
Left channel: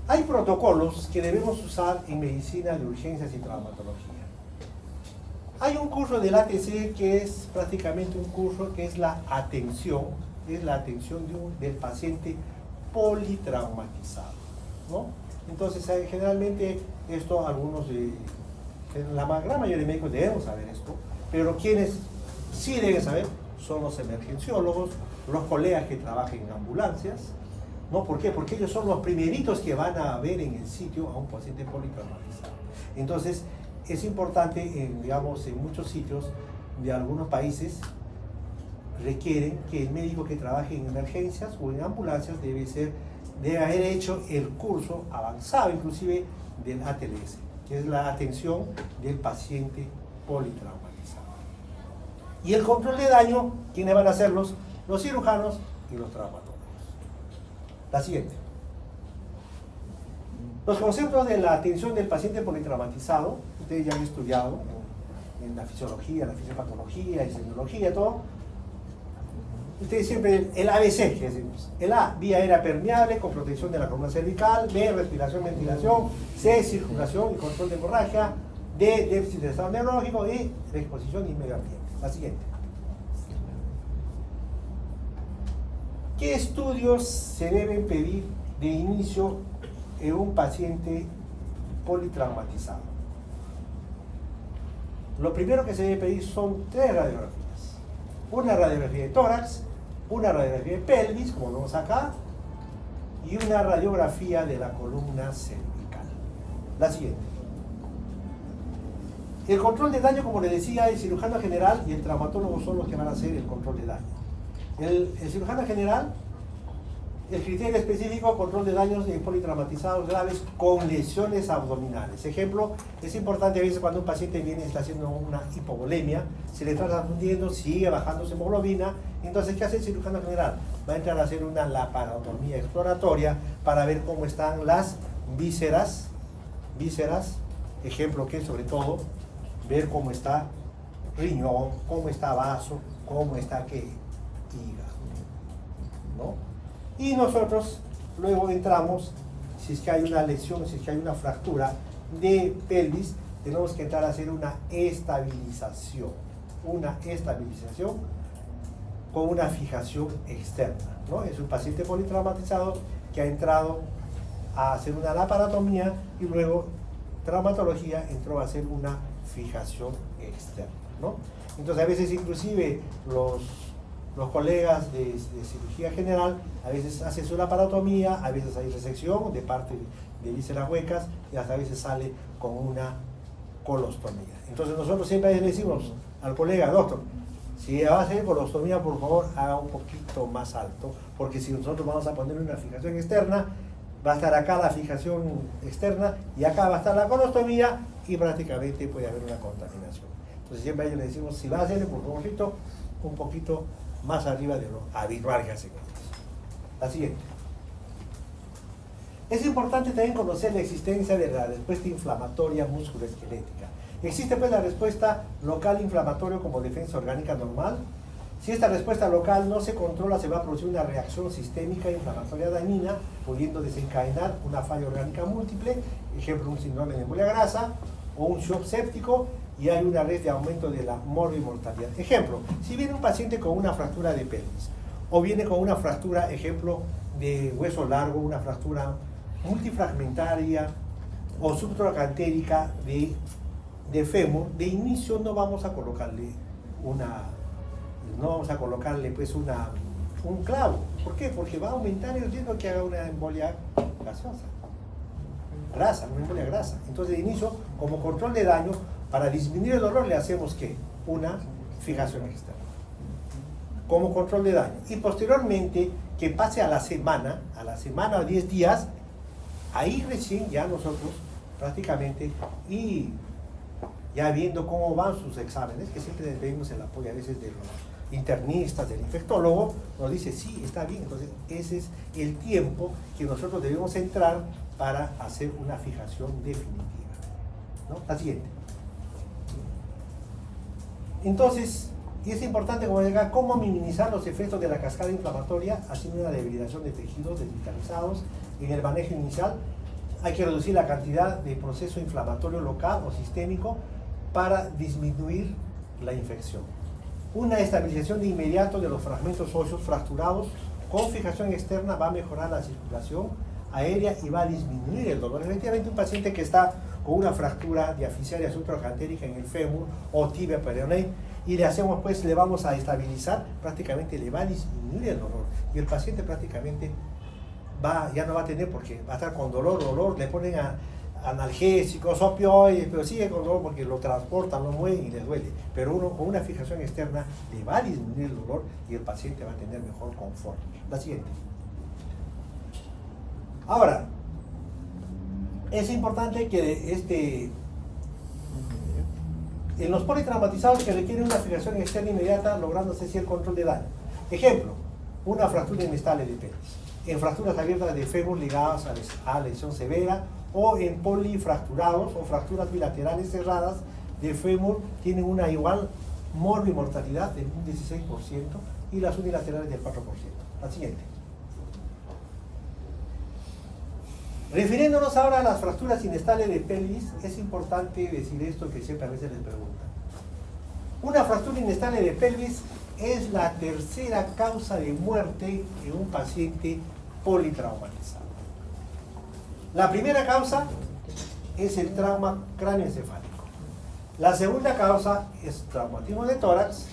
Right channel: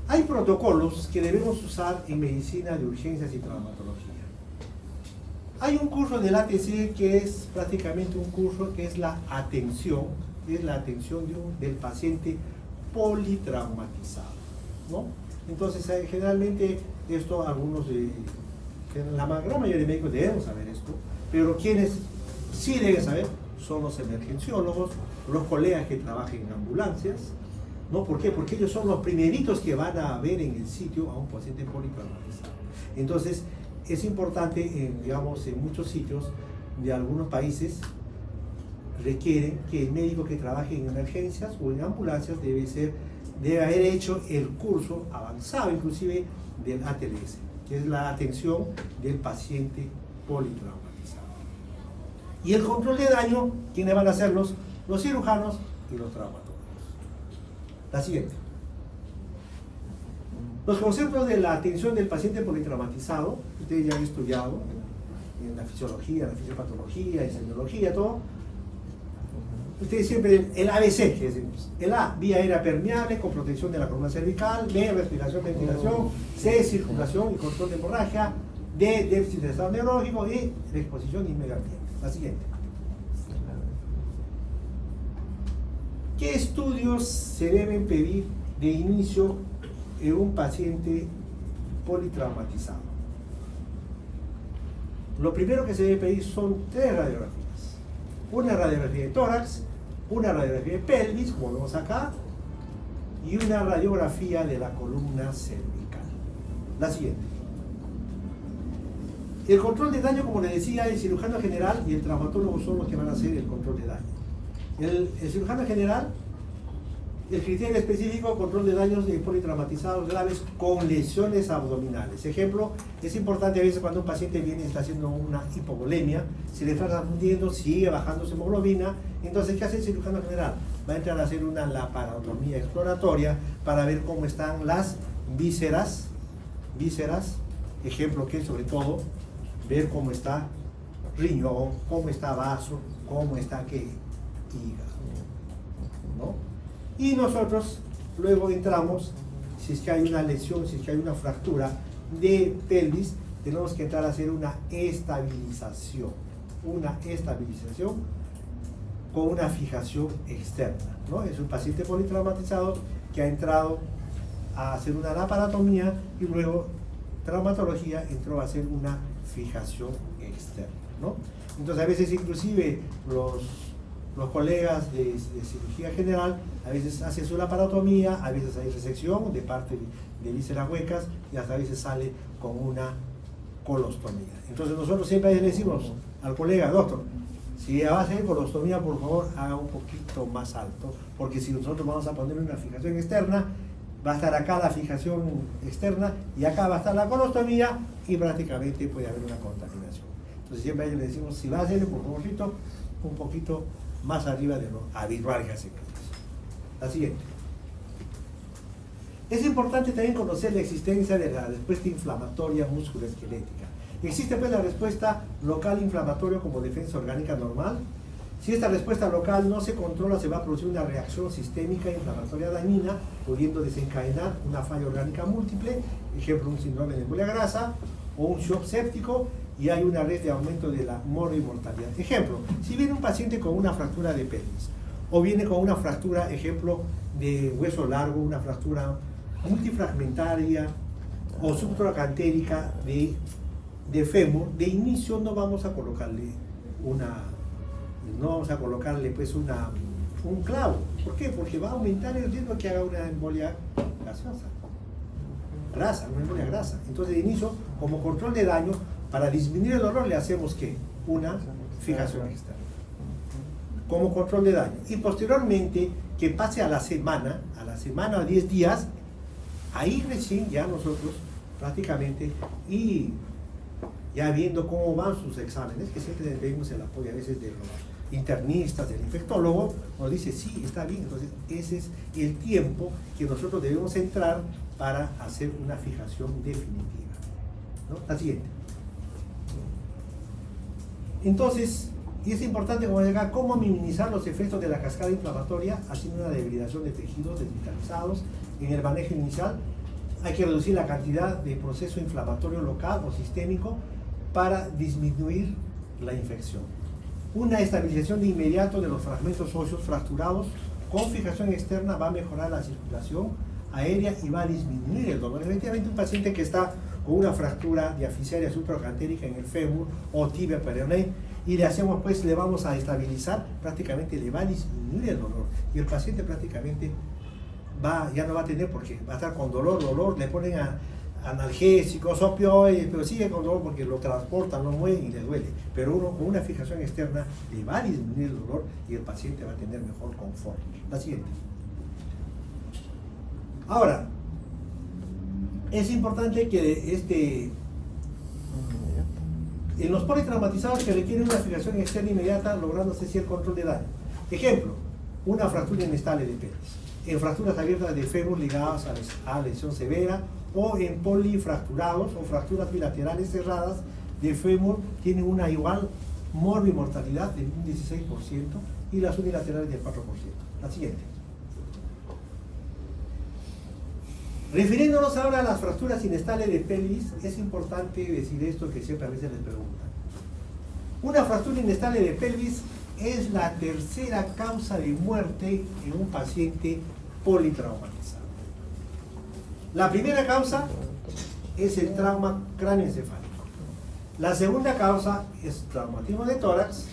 Hay protocolos que debemos usar en medicina de urgencias y traumatología. Hay un curso del ATC que es prácticamente un curso que es la atención del paciente politraumatizado, ¿no? Entonces, generalmente esto algunos, la gran mayoría de médicos debemos saber esto, pero quienes sí deben saber son los emergenciólogos, los colegas que trabajan en ambulancias, ¿no? ¿Por qué? Porque ellos son los primeritos que van a ver en el sitio a un paciente politraumatizado. Entonces, es importante, digamos, en muchos sitios de algunos países requieren que el médico que trabaje en emergencias o en ambulancias debe haber hecho el curso avanzado, inclusive del ATLS, que es la atención del paciente politraumatizado. Y el control de daño, ¿quiénes van a hacerlos? Los cirujanos y los traumatólogos. La siguiente. Los conceptos de la atención del paciente politraumatizado, ustedes ya han estudiado en la fisiología, la fisiopatología, la semiología, todo. Ustedes siempre, el ABC, que decimos. El A, vía aérea permeable con protección de la columna cervical. B, respiración, ventilación. C, circulación y control de hemorragia. D, déficit de estado neurológico. Y exposición y medio ambiente. La siguiente. ¿Qué estudios se deben pedir de inicio en un paciente politraumatizado? Lo primero que se debe pedir son 3 radiografías. Una radiografía de tórax, una radiografía de pelvis, como vemos acá, y una radiografía de la columna cervical. La siguiente. El control de daño, como les decía, el cirujano general y el traumatólogo son los que van a hacer el control de daño. El cirujano general, el criterio específico, control de daños de politraumatizados graves con lesiones abdominales. Ejemplo, es importante a veces cuando un paciente viene y está haciendo una hipovolemia, se le está transfundiendo, sigue bajando su hemoglobina. Entonces, ¿qué hace el cirujano general? Va a entrar a hacer una laparotomía exploratoria para ver cómo están las vísceras, ejemplo que es sobre todo ver cómo está riñón, cómo está vaso, cómo está hígado, ¿no? Y nosotros luego entramos, si es que hay una lesión, si es que hay una fractura de pelvis, tenemos que entrar a hacer una estabilización con una fijación externa, ¿no? Es un paciente politraumatizado que ha entrado a hacer una laparotomía y luego traumatología entró a hacer una fijación externa, ¿no? Entonces a veces inclusive los colegas de cirugía general a veces hacen su laparotomía, a veces hay resección de parte de vísceras huecas y hasta a veces sale con una colostomía. Entonces nosotros siempre le decimos al colega, doctor, si va a hacer colostomía, por favor haga un poquito más alto, porque si nosotros vamos a poner una fijación externa, va a estar acá la fijación externa y acá va a estar la colostomía y prácticamente puede haber una contaminación. Entonces siempre a ellos le decimos, si va a hacer por favor un poquito más arriba de lo habitual que hacemos. La siguiente. Es importante también conocer la existencia de la respuesta inflamatoria musculoesquelética. Existe pues la respuesta local inflamatoria como defensa orgánica normal. Si esta respuesta local no se controla, se va a producir una reacción sistémica inflamatoria dañina, pudiendo desencadenar una falla orgánica múltiple, ejemplo un síndrome de embolia grasa o un shock séptico, y hay una red de aumento de la mortalidad. Ejemplo, si viene un paciente con una fractura de pelvis, o viene con una fractura, ejemplo, de hueso largo, una fractura multifragmentaria o subtrocantérica de fémur, de inicio no vamos a colocarle pues un clavo. ¿Por qué? Porque va a aumentar el riesgo que haga una embolia gaseosa. Una embolia grasa. Entonces, de inicio, como control de daño, para disminuir el dolor, le hacemos ¿qué? Una fijación externa. Como control de daño. Y posteriormente, que pase a la semana o 10 días, ahí recién ya nosotros prácticamente, y ya viendo cómo van sus exámenes, que siempre vemos el apoyo a veces de los internistas, del infectólogo, nos dice, sí, está bien. Entonces, ese es el tiempo que nosotros debemos entrar para hacer una fijación definitiva, ¿no? La siguiente. Entonces, y es importante, como decía, cómo minimizar los efectos de la cascada inflamatoria haciendo una debilitación de tejidos desvitalizados. En el manejo inicial hay que reducir la cantidad de proceso inflamatorio local o sistémico para disminuir la infección. Una estabilización de inmediato de los fragmentos óseos fracturados con fijación externa va a mejorar la circulación aérea y va a disminuir el dolor. Efectivamente, un paciente que está con una fractura diafisaria subtrocantérica en el fémur o tibia peroné y le hacemos, pues, le vamos a estabilizar, prácticamente le va a disminuir el dolor y el paciente prácticamente ya no va a tener, porque va a estar con dolor, le ponen analgésicos, opioides, pero sigue con dolor porque lo transportan, lo mueven y le duele. Pero uno con una fijación externa le va a disminuir el dolor y el paciente va a tener mejor confort. La siguiente. Ahora, es importante que en los politraumatizados que requieren una fijación externa inmediata, lográndose así el control de daño. Ejemplo, una fractura inestable de pelvis. En fracturas abiertas de fémur ligadas a lesión severa, o en polifracturados o fracturas bilaterales cerradas de fémur tienen una igual mortalidad del 16% y las unilaterales del 4%. La siguiente. Refiriéndonos ahora a las fracturas inestables de pelvis, es importante decir esto que siempre a veces les preguntan. Una fractura inestable de pelvis es la tercera causa de muerte en un paciente politraumatizado. La primera causa es el trauma cráneoencefálico. La segunda causa es traumatismo de tórax.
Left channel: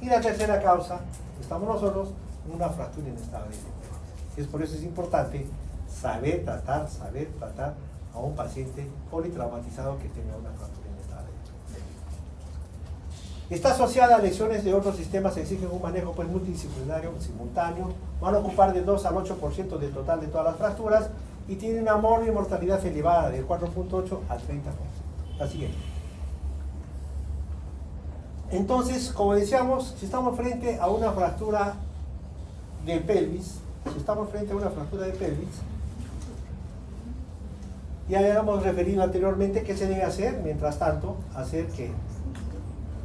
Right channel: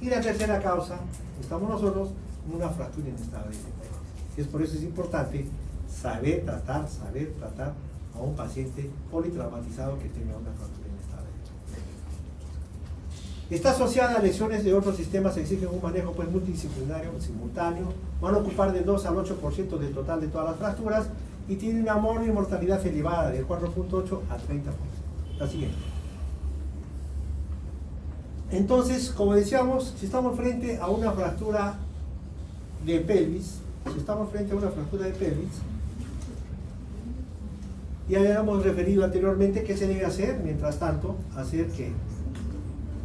Y la tercera causa, estamos nosotros, una fractura inestable de pelvis. Y es por eso es importante saber tratar a un paciente politraumatizado que tenga una fractura inestable de pelvis. Está asociada a lesiones de otros sistemas que exigen un manejo pues multidisciplinario simultáneo. Van a ocupar del 2 al 8% del total de todas las fracturas y tiene una mortalidad elevada del 4.8 al 30%. La siguiente. Entonces, como decíamos, si estamos frente a una fractura de pelvis, ya habíamos referido anteriormente qué se debe hacer. Mientras tanto, hacer que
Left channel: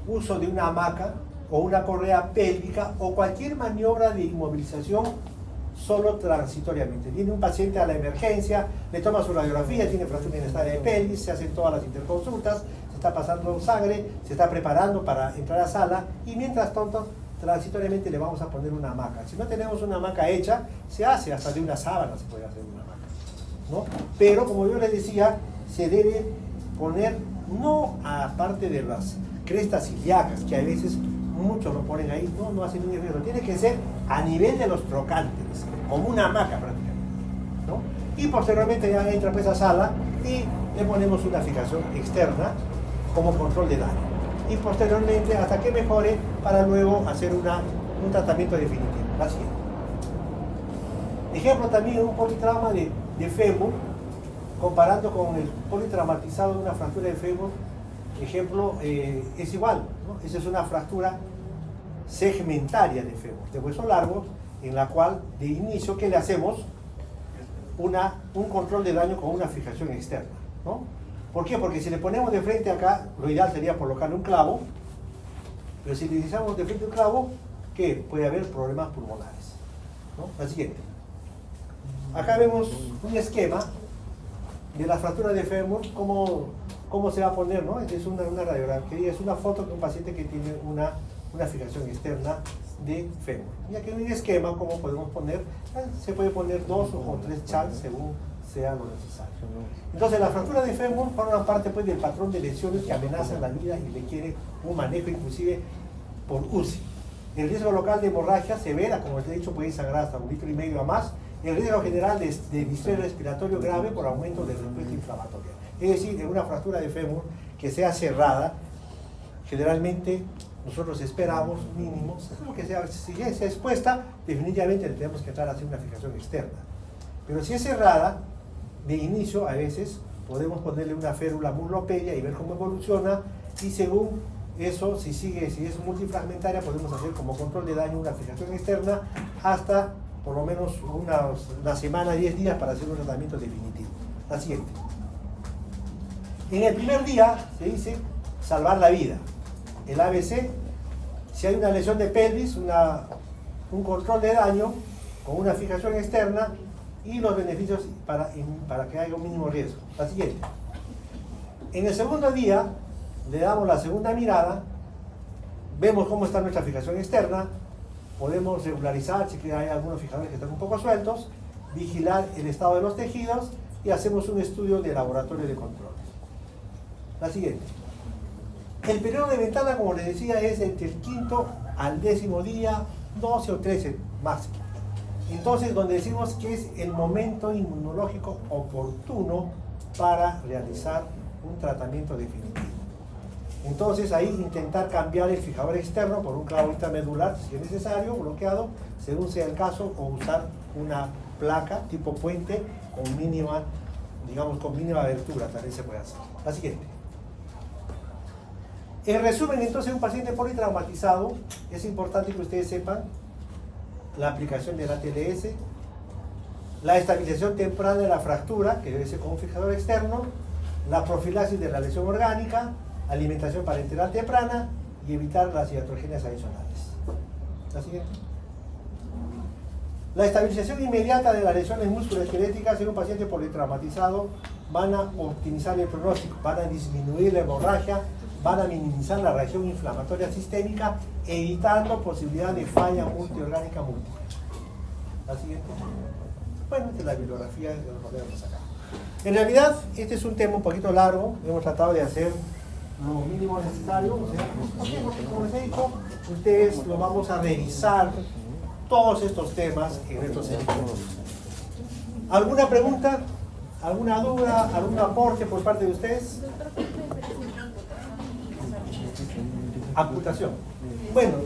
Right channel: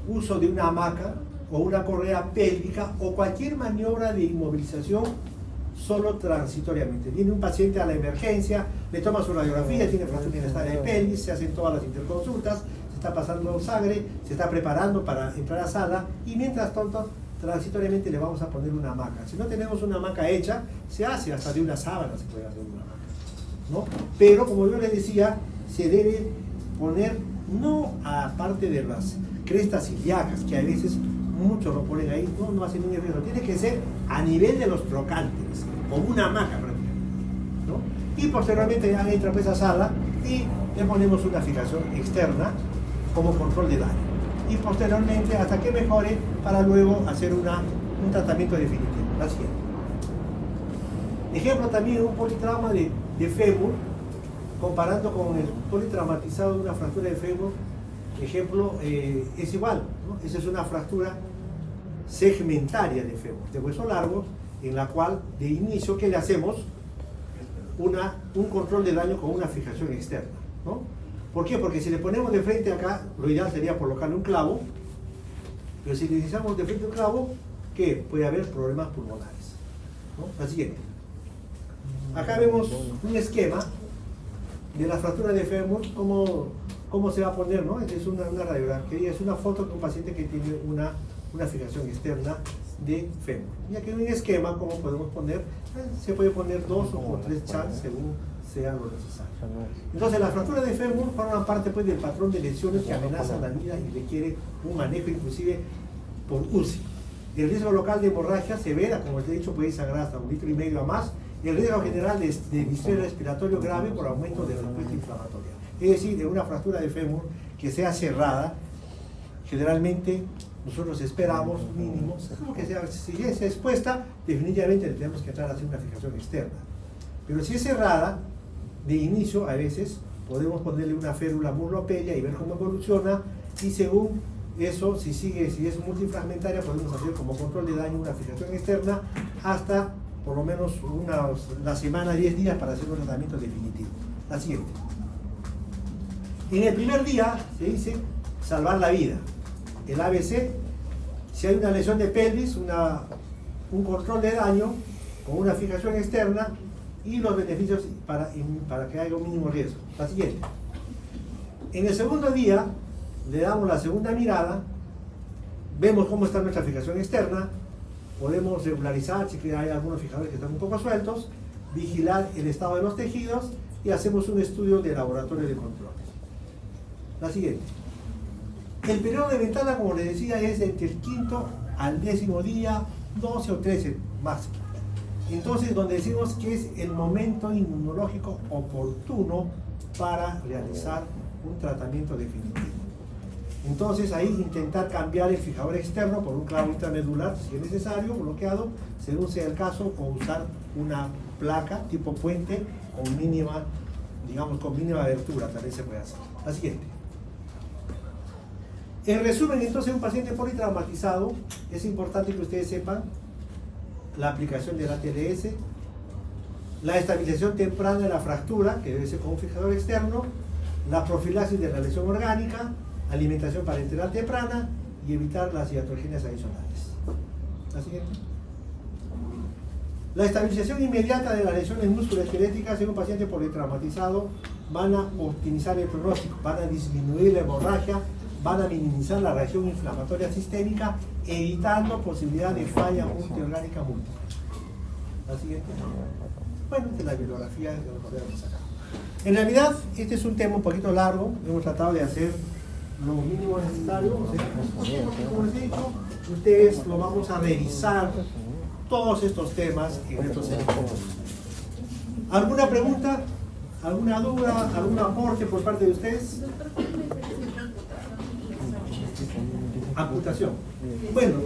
uso de una hamaca o una correa pélvica o cualquier maniobra de inmovilización solo transitoriamente. Viene un paciente a la emergencia, le toma su radiografía, tiene fractura inestable de pelvis, se hacen todas las interconsultas, se está pasando sangre, se está preparando para entrar a sala y mientras tanto transitoriamente le vamos a poner una hamaca. Si no tenemos una hamaca hecha, se hace hasta de una sábana, se puede hacer una hamaca, ¿no? Pero como yo les decía, se debe poner no aparte de las crestas ilíacas, que a veces muchos lo ponen ahí, no hace ningún efecto, tiene que ser a nivel de los trocánteres, como una hamaca prácticamente, ¿no? Y posteriormente ya entra pues a sala y le ponemos una fijación externa como control de daño. Y posteriormente hasta que mejore para luego hacer un tratamiento definitivo. La siguiente. Ejemplo también un politrauma de fémur, comparando con el politraumatizado de una fractura de fémur, ejemplo, es igual, ¿no? Esa es una fractura segmentaria de fémur, de hueso largo, en la cual de inicio, ¿qué le hacemos? Un control de daño con una fijación externa, ¿no? ¿Por qué? Porque si le ponemos de frente acá, lo ideal sería colocarle un clavo, pero si le utilizamos de frente un clavo, ¿qué? Puede haber problemas pulmonares, ¿no? La siguiente. Acá vemos un esquema de la fractura de fémur, como cómo se va a poner, ¿no? Es una radiografía, es una foto de un paciente que tiene una fijación externa de fémur. Y aquí hay un esquema, cómo podemos poner, se puede poner 2 o 3 chats según sea lo necesario. Entonces, las fracturas de fémur forman parte pues, del patrón de lesiones que amenazan la vida y requiere un manejo inclusive por UCI. El riesgo local de hemorragia severa, como les he dicho, puede sangrar hasta 1,5 litros a más. El riesgo general de distrés respiratorio grave por aumento de respuesta inflamatoria. Es decir, de una fractura de fémur que sea cerrada, generalmente nosotros esperamos mínimos, lo que sea, si ya es expuesta, definitivamente le tenemos que entrar a hacer una fijación externa. Pero si es cerrada, de inicio a veces podemos ponerle una férula muslopedia y ver cómo evoluciona, y según eso, si es multifragmentaria, podemos hacer como control de daño una fijación externa hasta por lo menos una semana, 10 días para hacer un tratamiento definitivo. La siguiente. En el primer día se dice salvar la vida. El ABC, si hay una lesión de pelvis, un control de daño con una fijación externa y los beneficios para que haya un mínimo riesgo. La siguiente. En el segundo día le damos la segunda mirada, vemos cómo está nuestra fijación externa, podemos regularizar si hay algunos fijadores que están un poco sueltos, vigilar el estado de los tejidos y hacemos un estudio de laboratorio de controles. La siguiente. El periodo de ventana, como les decía, es entre el 5º al 10º día, 12 o 13 máximo. Entonces, donde decimos que es el momento inmunológico oportuno para realizar un tratamiento definitivo. Entonces, ahí intentar cambiar el fijador externo por un clavo intramedular, si es necesario, bloqueado, según sea el caso, o usar una placa tipo puente con mínima, digamos, con mínima abertura, también se puede hacer. La siguiente. En resumen, entonces, un paciente politraumatizado, es importante que ustedes sepan la aplicación del ATLS, la estabilización temprana de la fractura, que debe ser con un fijador externo, la profilaxis de la lesión orgánica, alimentación parenteral temprana y evitar las iatrogenias adicionales. La siguiente. La estabilización inmediata de las lesiones musculoesqueléticas en un paciente politraumatizado van a optimizar el pronóstico, van a disminuir la hemorragia, van a minimizar la reacción inflamatoria sistémica, evitando posibilidad de falla multiorgánica múltiple. La siguiente. Bueno, esta es la bibliografía que nos podemos sacar. En realidad, este es un tema un poquito largo, hemos tratado de hacer lo mínimo necesario, como les he dicho, ustedes lo vamos a revisar todos estos temas en estos seminarios. ¿Alguna pregunta? ¿Alguna duda? ¿Algún aporte por parte de ustedes? Amputación. Bueno,